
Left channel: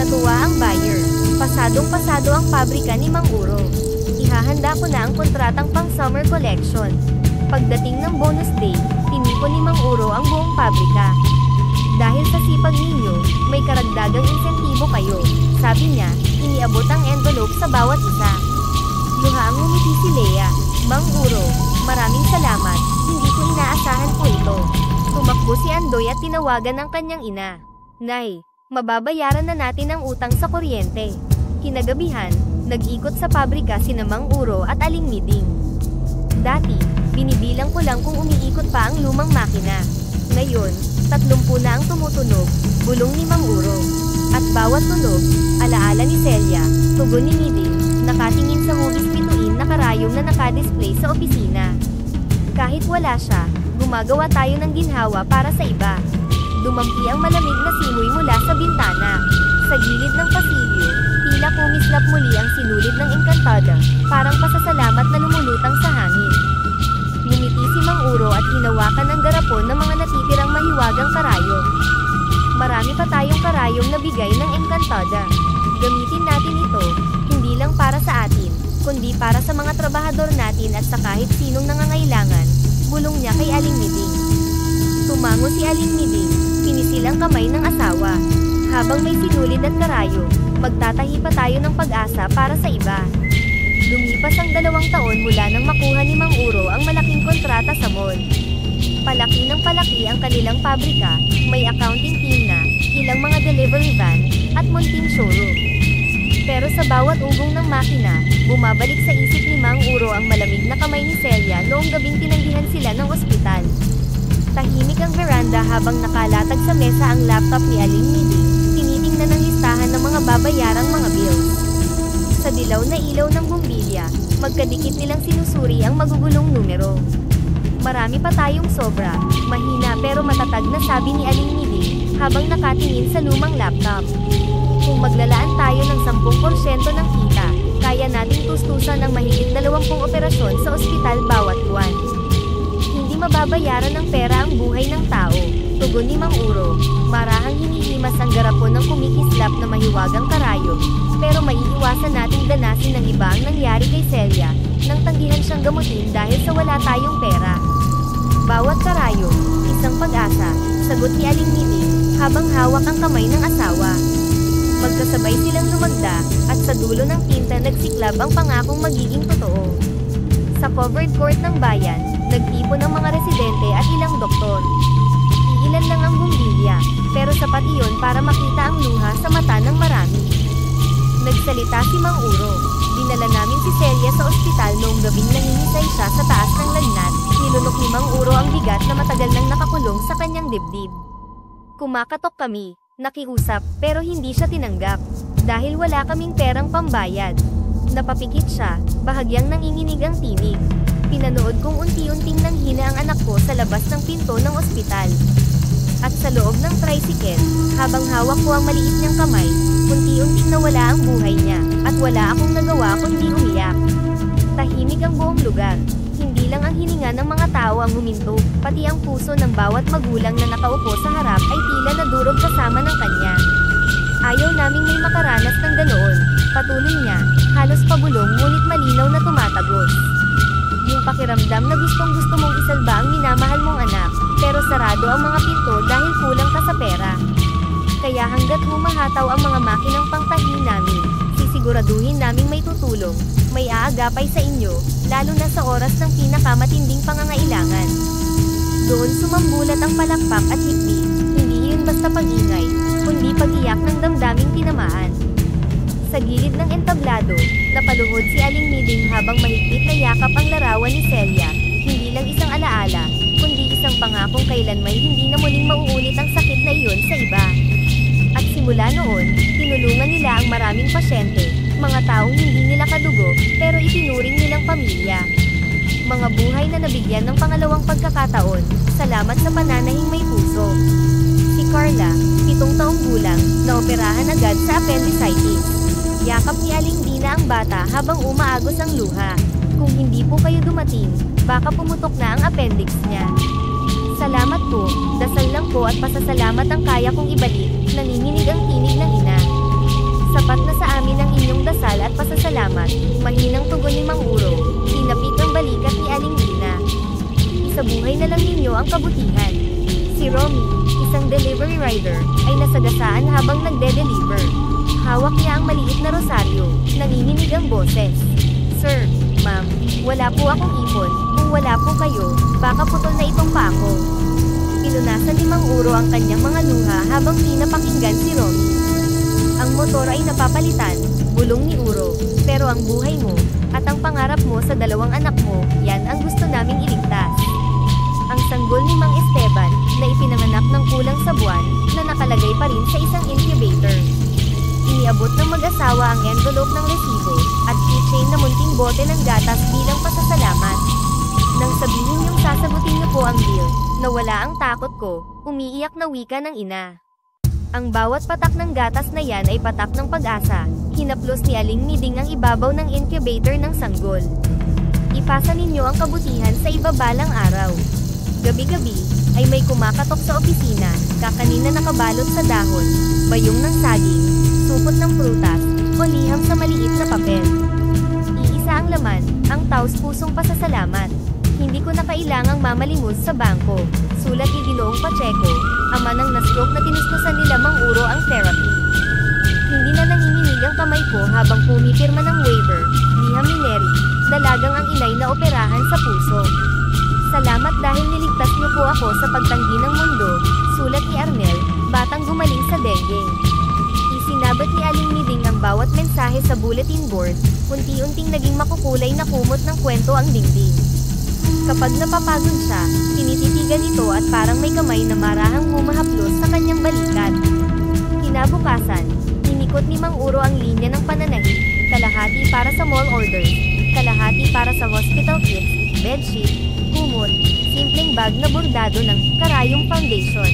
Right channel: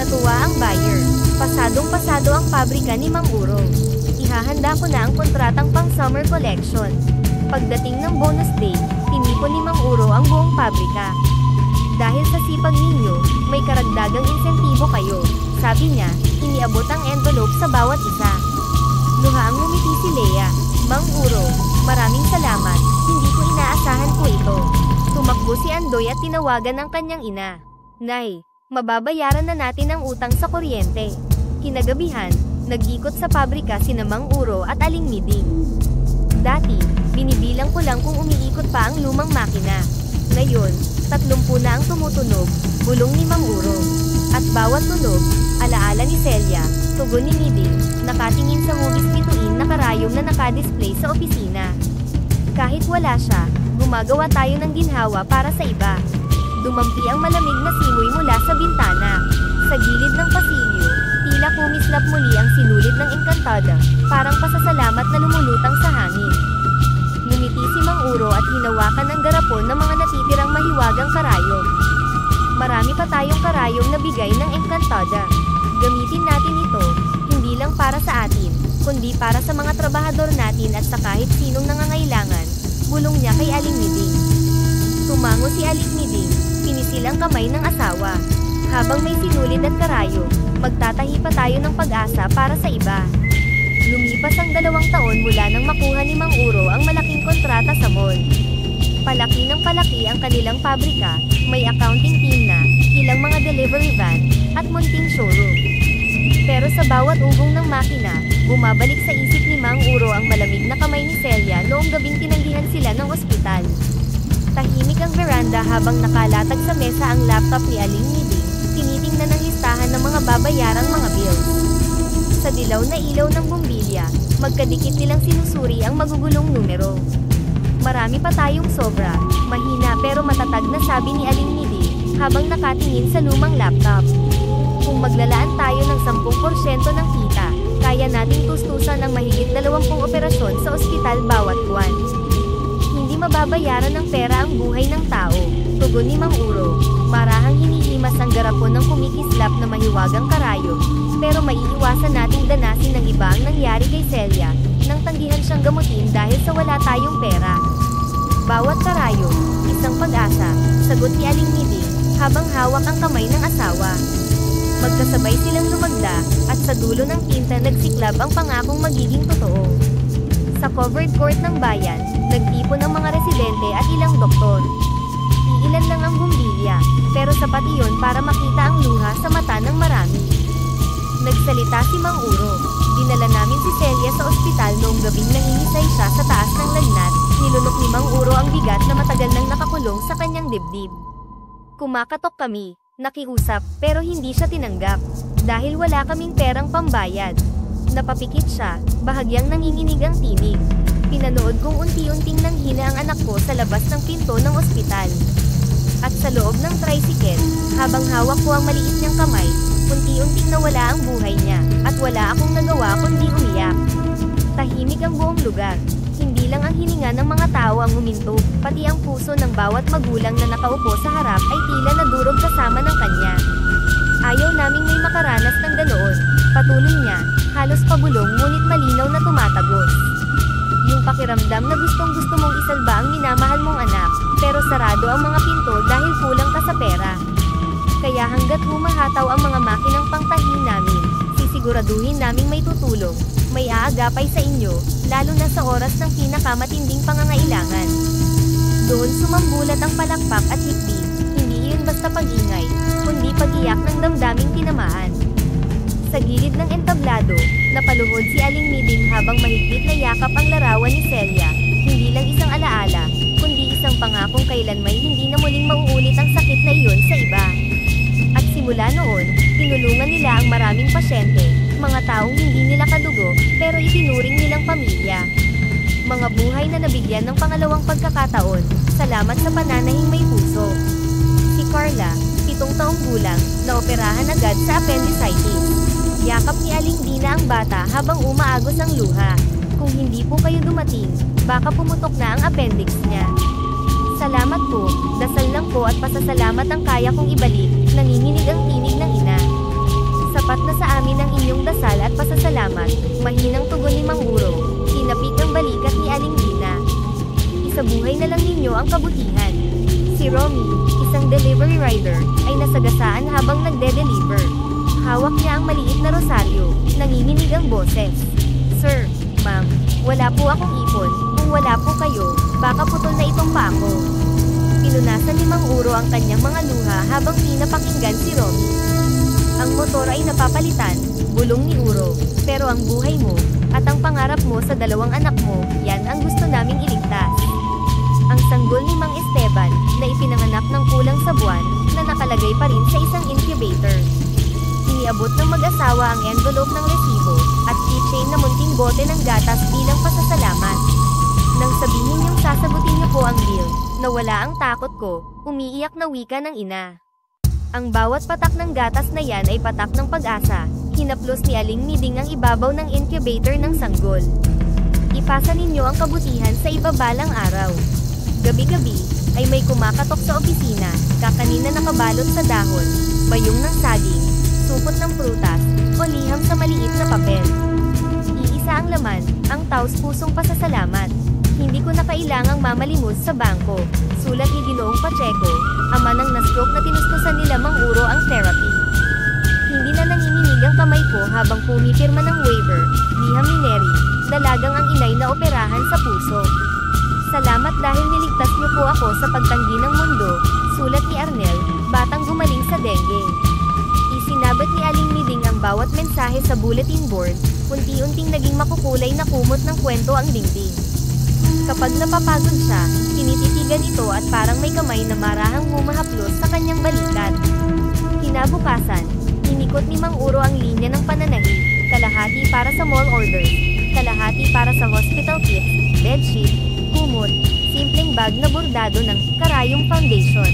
Natuwa ang buyer, pasadong-pasado ang pabrika ni Mang Uro. Ihahanda ko na ang kontratang pang-summer collection. Pagdating ng bonus day, tinipon ni Mang Uro ang buong pabrika. Dahil sa sipag ninyo, may karagdagang insentibo kayo, sabi niya, iniabot ang envelope sa bawat isa. Luhaang ngumiti si Lea. Mang Uro, maraming salamat, hindi ko inaasahan po ito. Tumakbo si Andoy at tinawagan ang kanyang ina. Nay, mababayaran na natin ang utang sa kuryente. Kinagabihan, nag-ikot sa pabrika sina Mang Uro at Aling Miding. Dati, binibilang ko lang kung umiikot pa ang lumang makina. Ngayon, 30 na ang tumutunog, bulong ni Mang Uro. At bawat tunog, alaala ni Celia, tugon ni Miding, nakatingin sa hugis bituin na karayom na nakadisplay sa opisina. Kahit wala siya, gumagawa tayo ng ginhawa para sa iba. Dumampi ang malamig na simoy mula sa bintana. Sa gilid ng pasilyo, tila kumislap muli ang sinulid ng Encantada, parang pasasalamat na lumulutang sa hangin. Ngumiti si Mang Uro at hinawakan ang garapon ng mga natitirang mahiwagang karayom. Marami pa tayong karayom na bigay ng Encantada. Gamitin natin ito, hindi lang para sa atin, kundi para sa mga trabahador natin at sa kahit sinong nangangailangan, bulong niya kay Aling Miding. Tumango si Aling Miding, pinisil ang kamay ng asawa. Habang may sinulid at karayom, magtatahi pa tayo ng pag-asa para sa iba. Lumipas ang 2 taon mula nang makuha ni Mang Uro ang malaking kontrata sa mall. Palaki ng palaki ang kanilang pabrika, may accounting team na, ilang mga delivery van, at munting showroom. Pero sa bawat ugong ng makina, bumabalik sa isip ni Mang Uro ang malamig na kamay ni Celia noong gabing tinanggihan sila ng ospital. Tahimik ang veranda habang nakalatag sa mesa ang laptop ni Aling Niding, tinitingnan ang listahan ng mga babayarang mga bills. Sa dilaw na ilaw ng bumbilya, magkadikit nilang sinusuri ang magugulong numero. Marami pa tayong sobra, mahina pero matatag na sabi ni Aling Niding, habang nakatingin sa lumang laptop. Kung maglalaan tayo ng 10% ng kita, kaya nating tustusan ng mahigit 20 operasyon sa ospital bawat buwan. Hindi mababayaran ng pera ang buhay ng tao, tugon ni Mang Uro. Marahang hinihimas ang garapon ng kumikislap na mahiwagang karayom, pero maiiwasan nating danasin ng iba ang nangyari kay Celia, nang tanggihan siyang gamutin dahil sa wala tayong pera. Bawat karayom, isang pag-asa, sagot ni Aling Niding, habang hawak ang kamay ng asawa. Magkasabay silang lumagda, at sa dulo ng tinta nagsiklab ang pangakong magiging totoo. Sa covered court ng bayan, nagtipon ang mga residente at ilang doktor. Iilan lang ang bumbilya, pero sapat iyon para makita ang luha sa mata ng marami. Nagsalita si Mang Uro, dinala namin si Celia sa ospital noong gabing nangingisay siya sa taas ng lagnat, nilunok ni Mang Uro ang bigat na matagal nang nakakulong sa kanyang dibdib. Kumakatok kami. Nakiusap, pero hindi siya tinanggap. Dahil wala kaming perang pambayad. Napapikit siya, bahagyang nanginginig ang tinig. Pinanood kong unti-unting nanghina ang anak ko sa labas ng pinto ng ospital. At sa loob ng tricycle, habang hawak ko ang maliit niyang kamay, unti-unting nawala ang buhay niya, at wala akong nagawa kundi umiyak. Tahimik ang buong lugar. Hindi lang ang hininga ng mga tao ang huminto, pati ang puso ng bawat magulang na nakaupo sa harap ay tila nadurog kasama ng kanya. Ayaw naming may makaranas ng ganoon, patuloy niya, halos pabulong ngunit malinaw na tumatagos. Yung pakiramdam na gustong-gusto mong isalba ang minamahal mong anak, pero sarado ang mga pinto dahil kulang ka sa pera. Kaya hanggat humahataw ang mga makinang pangtahi namin, sisiguraduhin naming may tutulong, may aagapay sa inyo, lalo na sa oras ng pinakamatinding pangangailangan. Doon sumambulat ang palakpak at hikbi, hindi iyon basta pag-ingay, kundi pag-iyak ng damdaming tinamaan. Sa gilid ng entablado, napaluhod si Aling Niding habang mahigpit na yakap ang larawan ni Celia, hindi lang isang alaala, kundi isang pangakong kailanmay hindi na muling mauulit ang sakit na iyon sa iba. At simula noon, tinulungan nila ang maraming pasyente, mga taong hindi nila kadugo, pero itinuring nilang pamilya. Mga buhay na nabigyan ng pangalawang pagkakataon, salamat sa pananahing may puso. Si Carla, 7 taong gulang, naoperahan agad sa appendicitis. Yakap ni Aling Dina ang bata habang umaagos ang luha. Kung hindi po kayo dumating, baka pumutok na ang appendix niya. Salamat po, dasal lang po at pasasalamat ang kaya kong ibalik, nanginginig ang tinig ng ina. Sapat na sa amin ang inyong dasal at pasasalamat, mahinang tugon ni Mang Uro, tinapik ang balikat ni Aling Dina. Isabuhay na lang ninyo ang kabutihan. Si Romy, isang delivery rider, ay nasagasaan habang nagde-deliver. Hawak niya ang maliit na rosaryo, nanginginig ang boses. Sir, ma'am, wala po akong ipon, kung wala po kayo, baka putol na itong pa ako. Pinunasan ni Mang Uro ang kanyang mga luha habang pinapakinggan si Romy. Ang motor ay napapalitan, bulong ni Uro, pero ang buhay mo, at ang pangarap mo sa 2 anak mo, yan ang gusto naming iligtas. Ang sanggol ni Mang Esteban, na ipinanganak ng kulang sa buwan, na nakalagay pa rin sa isang incubator. Iniabot ng mag-asawa ang envelope ng resibo, at keychain na munting bote ng gatas bilang pasasalamat. Nang sabihin niyong sasagutin niyo po ang bill, nawala ang takot ko, umiiyak na wika ng ina. Ang bawat patak ng gatas na yan ay patak ng pag-asa, hinaplos ni Aling Niding ang ibabaw ng incubator ng sanggol. Ipasa ninyo ang kabutihan sa ibabalang araw. Gabi-gabi, ay may kumakatok sa opisina, kakanina nakabalot sa dahon, bayong ng saging, supot ng prutas, o liham sa maliit na papel. Iisa ang laman, ang taos-pusong pasasalamat. Hindi ko na kailangang mamalimos sa bangko, sulat ni Ginoong Pacheco, ama ng na-stroke na tinustusan nila Mang Uro ang therapy. Hindi na nanginginig ang kamay ko habang pumipirma ng waiver, liham ni Neri, dalagang ang inay na operahan sa puso. Salamat dahil niligtas niyo po ako sa pagtanggi ng mundo, sulat ni Arnel, batang gumaling sa dengue. Isinabot ni Aling Miding ang bawat mensahe sa bulletin board, unti-unting naging makukulay na kumot ng kwento ang dingding. Kapag napapagod siya, tinititigan ito at parang may kamay na marahang humahaplos sa kanyang balikat. Kinabukasan, inikot ni Mang Uro ang linya ng pananahi, kalahati para sa mall orders, kalahati para sa hospital kits, bedsheet, kumot, simpleng bag na bordado ng Karayom Foundation.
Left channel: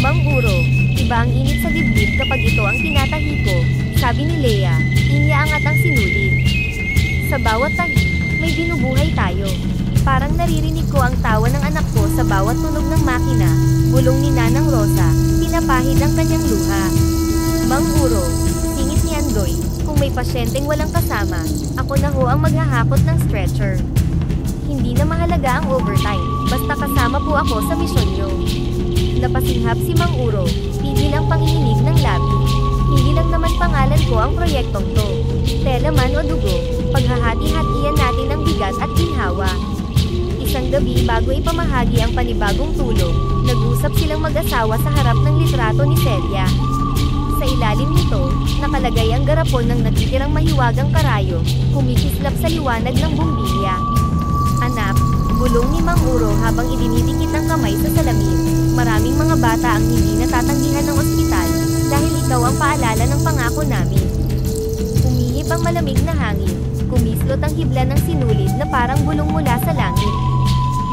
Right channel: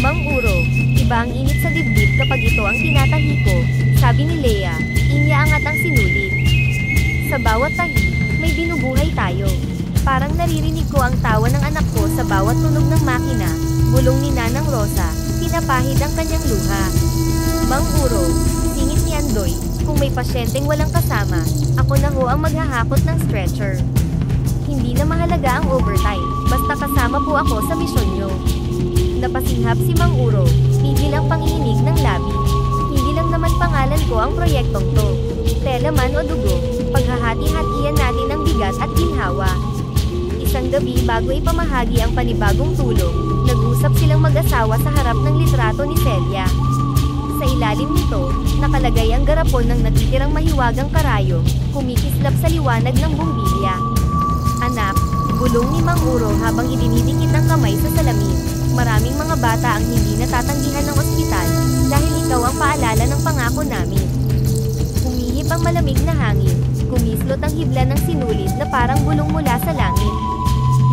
Mang Uro, iba ang init sa dibdib kapag ito ang tinatahi ko, sabi ni Lea, inyaangat ang sinulit. Sa bawat tahi, may binubuhay tayo. Parang naririnig ko ang tawa ng anak ko sa bawat tunog ng makina, bulong ni Nanang Rosa, pinapahid ang kanyang luha. Mang Uro, singit ni Andoy, kung may pasyenteng walang kasama, ako na ho ang maghahakot ng stretcher. Hindi na mahalaga ang overtime, basta kasama po ako sa misyon nyo. Napasinghap si Mang Uro, pigil ang panginginig ng labi. Hindi lang naman pangalan ko ang proyektong to. Tela man o dugo, paghahati-hatian natin ang bigat at ginhawa. Isang gabi bago ipamahagi ang panibagong tulong, nag-usap silang mag-asawa sa harap ng litrato ni Celia. Sa ilalim nito, nakalagay ang garapon ng natitirang mahiwagang karayom, kumikislap sa liwanag ng bumbilya. Anak, bulong ni Mang Uro habang idinidikit ang kamay sa salamin, maraming mga bata ang hindi natatanggihan ng ospital, dahil ikaw ang paalala ng pangako namin. Umihip ang malamig na hangin, kumislot ang hibla ng sinulid na parang bulong mula sa langit.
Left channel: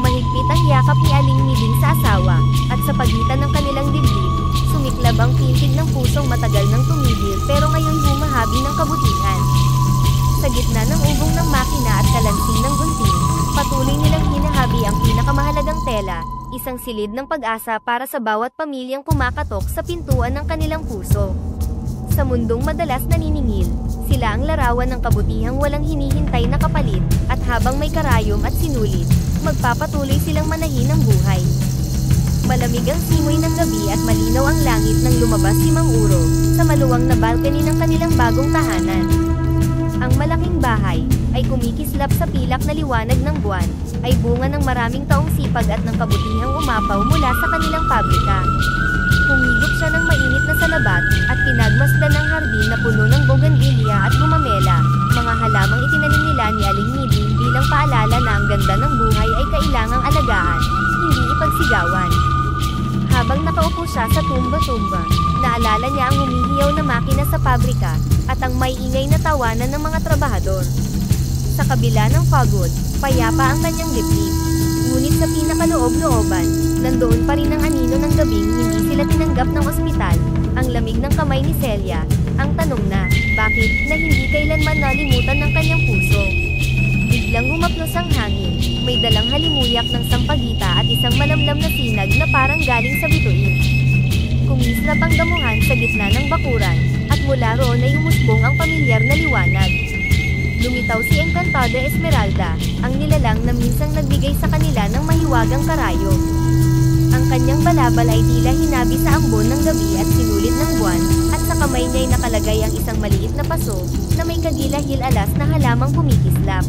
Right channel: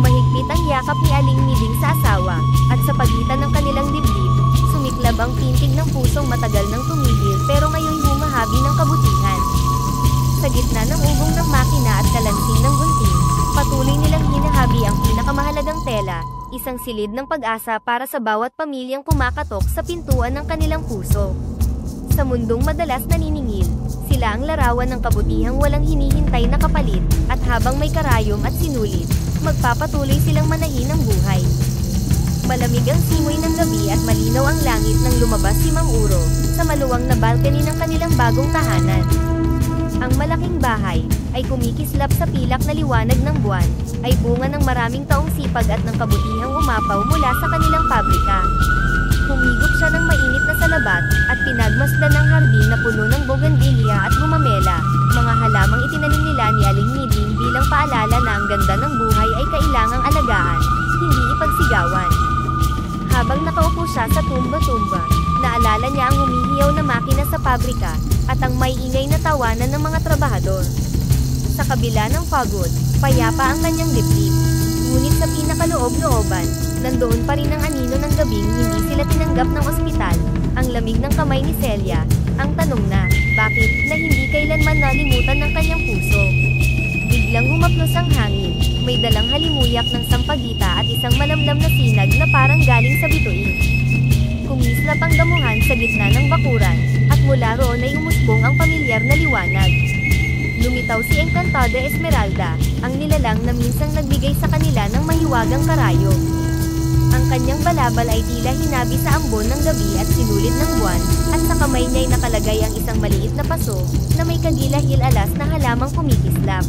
Mahigpit ang yakap ni Aling Miding sa asawa, at sa pagitan ng kanilang dibdib, sumiklab ang pintig ng pusong matagal nang tumigil pero ngayon humahabi ng kabutihan. Sa gitna ng ugong ng makina at kalansing ng gunting, patuloy nilang hinahabi ang pinakamahalagang tela, isang silid ng pag-asa para sa bawat pamilyang kumakatok sa pintuan ng kanilang puso. Sa mundong madalas naniningil, sila ang larawan ng kabutihang walang hinihintay na kapalit, at habang may karayom at sinulit, magpapatuloy silang manahin ng buhay. Malamig ang simoy ng gabi at malinaw ang langit nang lumabas si Mang Uro, sa maluwang na balcony ng kanilang bagong tahanan. Ang malaking bahay, ay kumikislap sa pilak na liwanag ng buwan, ay bunga ng maraming taong sipag at ng kabutihang umapaw mula sa kanilang pabrika. Humigop siya ng mainit na salabat, at pinagmasdan ng hardin na puno ng bougainvillea at gumamela, mga halamang itinanim nila ni Aling Miding bilang paalala na ang ganda ng buhay ay kailangang alagaan, hindi ipagsigawan. Habang nakaupo siya sa tumba-tumba, naalala niya ang humihiyaw na makina sa pabrika, at ang may ingay na tawanan ng mga trabahador. Sa kabila ng pagod, payapa ang kanyang dibdib. Ngunit sa pinakaloob-looban, nandoon pa rin ang anino ng gabing hindi sila tinanggap ng ospital, ang lamig ng kamay ni Celia, ang tanong na, bakit, na hindi kailanman nalimutan ng kanyang puso. Biglang humaplos ang hangin, may dalang halimuyak ng sampagita at isang malamlam na sinag na parang galing sa bituin. Kumislap ang damuhan sa gitna ng bakuran, at mula roon ay umusbong ang pamilyar na liwanag. Lumitaw si Encantada Esmeralda, ang nilalang na minsang nagbigay sa kanila ng mahiwagang karayo. Ang kanyang balabal ay tila hinabi sa ambon ng gabi at sinulit ng buwan, at sa kamay niya'y nakalagay ang isang maliit na paso, na may kagilahil-alas na halamang kumikislap.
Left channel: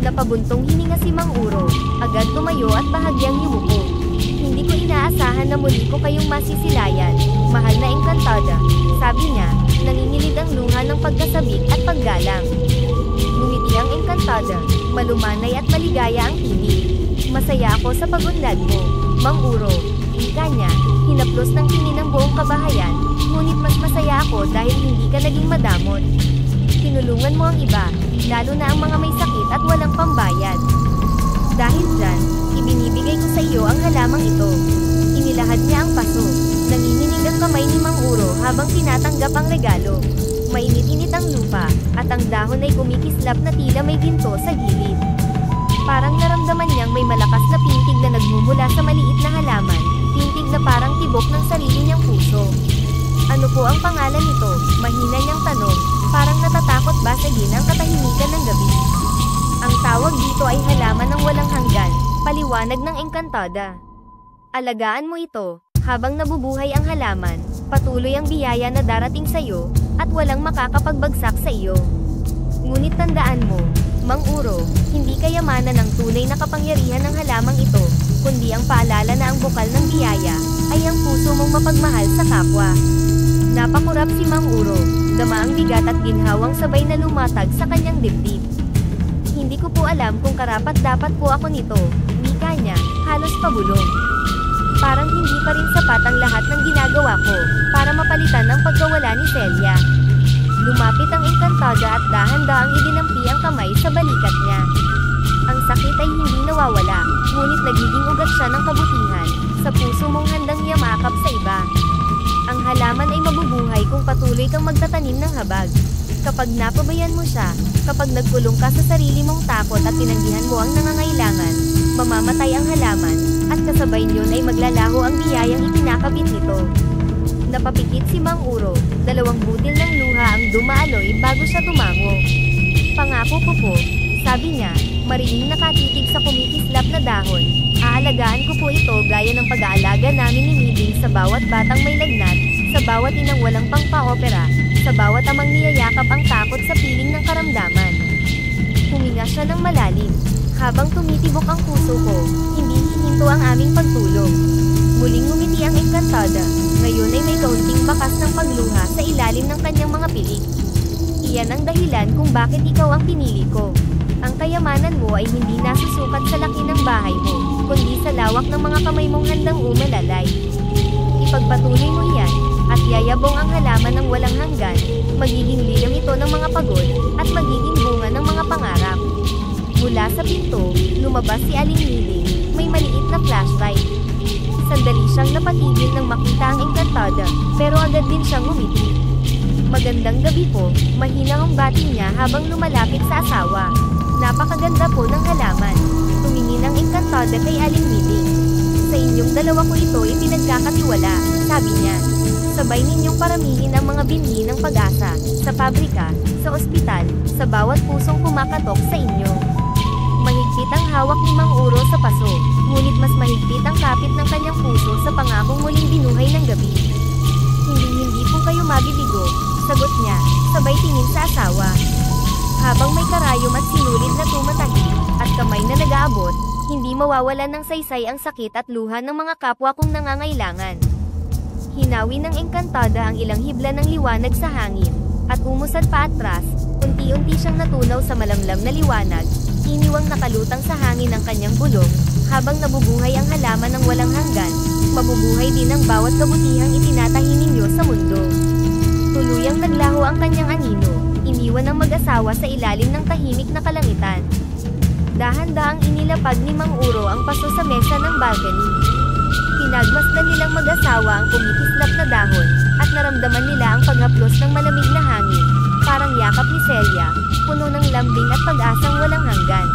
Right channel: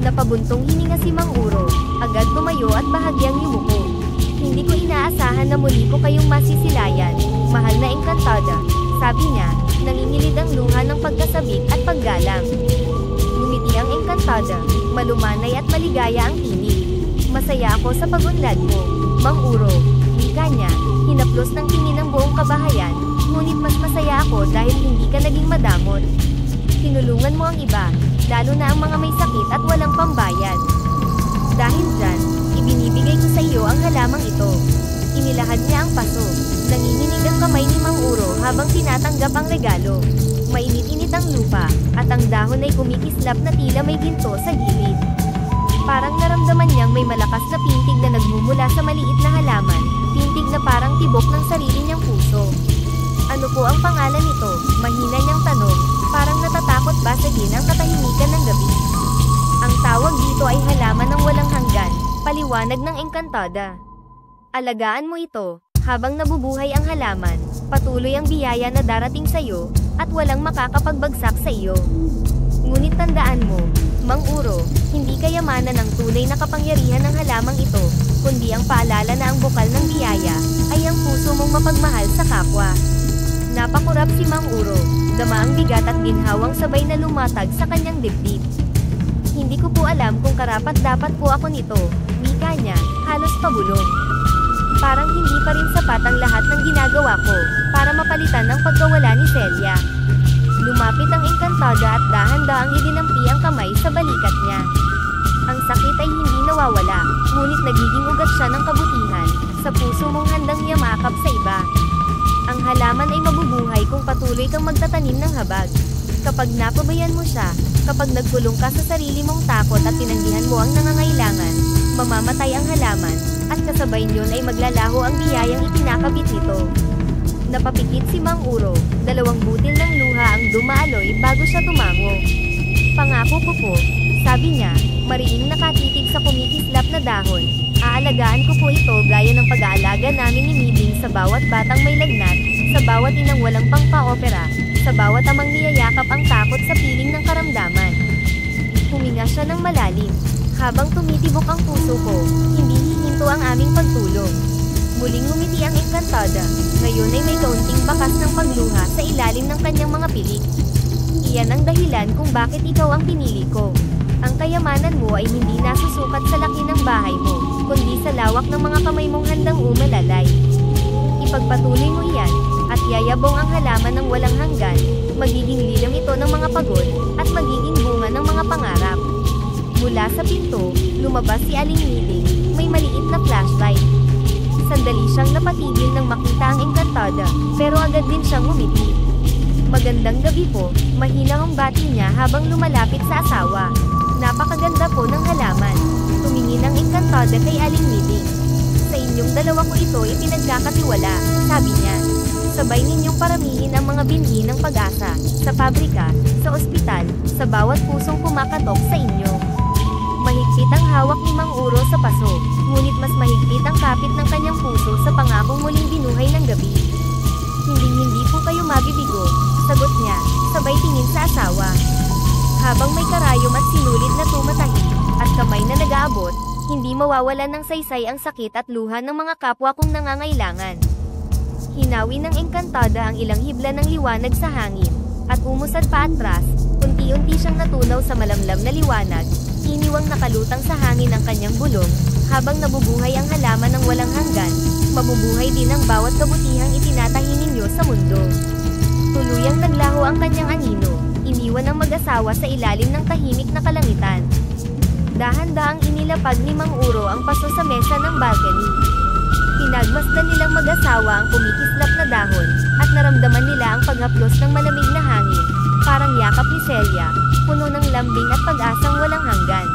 Napabuntong hininga si Mang Uro, agad tumayo at bahagyang yumuko. Hindi ko inaasahan na muli ko kayong masisilayan, mahal na Encantada, sabi niya, nangingilid ang luha ng pagkasabik at paggalang. Ngumiti ang Encantada, malumanay at maligaya ang tinig. Masaya ako sa pagunlad mo, Mang Uro, wika niya, hinaplos ng tingin ng buong kabahayan, ngunit mas masaya ako dahil hindi ka naging madamot. Tinulungan mo ang iba, lalo na ang mga may sakit at walang pambayad. Dahil dyan, ibinibigay ko sa iyo ang halamang ito. Inilahad niya ang paso, nanginginig ang kamay ni Mang Uro habang tinatanggap ang regalo. Mainit-init ang lupa, at ang dahon ay kumikislap na tila may ginto sa gilid. Parang naramdaman niyang may malakas na pintig na nagmumula sa maliit na halaman, pintig na parang tibok ng sarili niyang puso. Ano po ang pangalan nito? Mahina niyang tanong, parang natatakot basagin ang katahimikan ng gabi. Ang tawag dito ay halaman ng walang hanggan, paliwanag ng Encantada. Alagaan mo ito, habang nabubuhay ang halaman, patuloy ang biyaya na darating sa iyo, at walang makakapagbagsak sa iyo. Ngunit tandaan mo, Mang Uro, hindi kayamanan ng tunay na kapangyarihan ng halamang ito, kundi ang paalala na ang bukal ng biyaya, ay ang puso mong mapagmahal sa kapwa. Napakurap si Mang Uro, dama ang bigat at ginhawang sabay na lumatag sa kanyang dibdib. Hindi ko po alam kung karapat-dapat po ako nito, wika niya, halos pabulong. Parang hindi pa rin sapat ang lahat ng ginagawa ko, para mapalitan ang pagkawala ni Celia. Lumapit ang Encantada at dahan-daang idinampi ang kamay sa balikat niya. Ang sakit ay hindi nawawala, ngunit nagiging ugat siya ng kabutihan, sa puso mong handang yamakap sa iba. Ang halaman ay mabubuhay kung patuloy kang magtatanim ng habag. Kapag napabayan mo siya, kapag nagkulong ka sa sarili mong takot at tinanggihan mo ang nangangailangan, mamamatay ang halaman, at kasabay niyon ay maglalaho ang biyayang itinakabit nito. Napapikit si Mang Uro, 2 butil ng luha ang dumaaloy bago siya tumango. Pangako ko po, sabi niya, mariing nakatitig sa kumikislap na dahon. Aalagaan ko po ito gaya ng pag-aalaga namin ni Miding sa bawat batang may lagnat, sa bawat inang walang pangpa-opera, sa bawat amang niyayakap ang takot sa piling ng karamdaman. Huminga siya ng malalim. Habang tumitibok ang puso ko, hindi hihinto ang aming pagtulong. Muling ngumiti ang Encantada, ngayon ay may kaunting bakas ng pagluha sa ilalim ng kanyang mga pilik. Iyan ang dahilan kung bakit ikaw ang pinili ko. Ang kayamanan mo ay hindi nasusukat sa laki ng bahay mo, kundi sa lawak ng mga kamay mong handang umalalay. Ipagpatuloy mo iyan, at yayabong ang halaman ng walang hanggan, magiging lilam ito ng mga pagod, at magiging bunga ng mga pangarap. Mula sa pinto, lumabas si Aling Miding, may maliit na flashlight. Sandali siyang napatigil nang makita ang Encantada, pero agad din siyang ngumiti. Magandang gabi po, mahina ang bati niya habang lumalapit sa asawa. Napakaganda po ng halaman. Tumingin ang Encantada kay Aling Miding. Sa inyong dalawa ko ito ipinagkakatiwala, sabi niya. Sabay ninyong paramihin ang mga binhi ng pag-asa, sa pabrika, sa ospital, sa bawat pusong kumakatok sa inyo. Mahigpit ang hawak ni Mang Uro sa paso, ngunit mas mahigpit ang kapit ng kanyang puso sa pangakong muling binuhay ng gabi. Hindi po kayo mabibigo, sagot niya, sabay tingin sa asawa. Habang may karayom at sinulid na tumatahi, at kamay na nag-aabot, hindi mawawalan ng saysay ang sakit at luha ng mga kapwa kong nangangailangan. Hinawi ng Encantada ang ilang hibla ng liwanag sa hangin, at umusad pa atras, unti-unti siyang natunaw sa malamlam na liwanag, iniwang nakalutang sa hangin ang kanyang bulong, habang nabubuhay ang halaman ng walang hanggan, mabubuhay din ang bawat kabutihang itinatahi ninyo sa mundo. Tuluyang naglaho ang kanyang anino, iniwan ang mag-asawa sa ilalim ng tahimik na kalangitan. Dahan-daang inilapag ni Mang Uro ang paso sa mesa ng balcony. Pinagmasdan nilang mag-asawa ang kumikislap na dahon, at naramdaman nila ang paghaplos ng malamig na hangin, parang yakap ni Celia, puno ng lambing at pag-asang walang hanggan.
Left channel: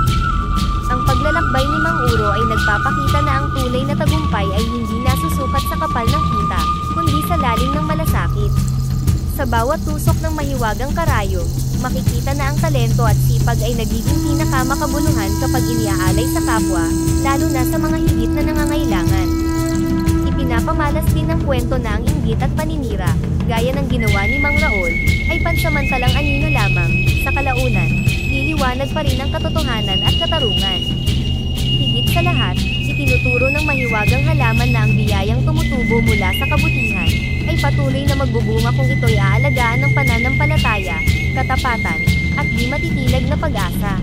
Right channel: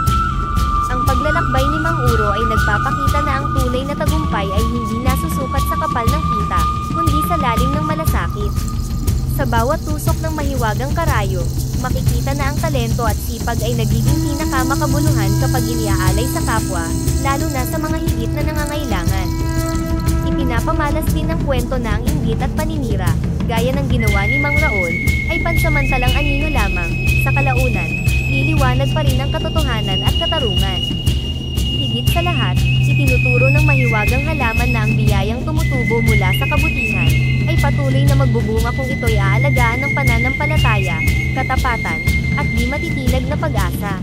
Ang paglalakbay ni Mang Uro ay nagpapakita na ang tunay na tagumpay ay hindi nasusukat sa kapal ng kita, kundi sa lalim ng malasakit. Sa bawat tusok ng mahiwagang karayom, makikita na ang talento at sipag ay nagiging pinakamakabuluhan kapag iniaalay sa kapwa, lalo na sa mga higit na nangangailangan. Ipinapamalas din ng kwento na ang inggit at paninira, gaya ng ginawa ni Mang Raol, ay pansamantalang anino lamang, sa kalaunan, liliwanag pa rin ang katotohanan at katarungan. Higit sa lahat, itinuturo ng mahiwagang halaman na ang biyayang tumutubo mula sa kabutihan, ay patuloy na magbubunga kung ito'y aalagaan ng pananampalataya, katapatan, at di matitilag na pag-asa.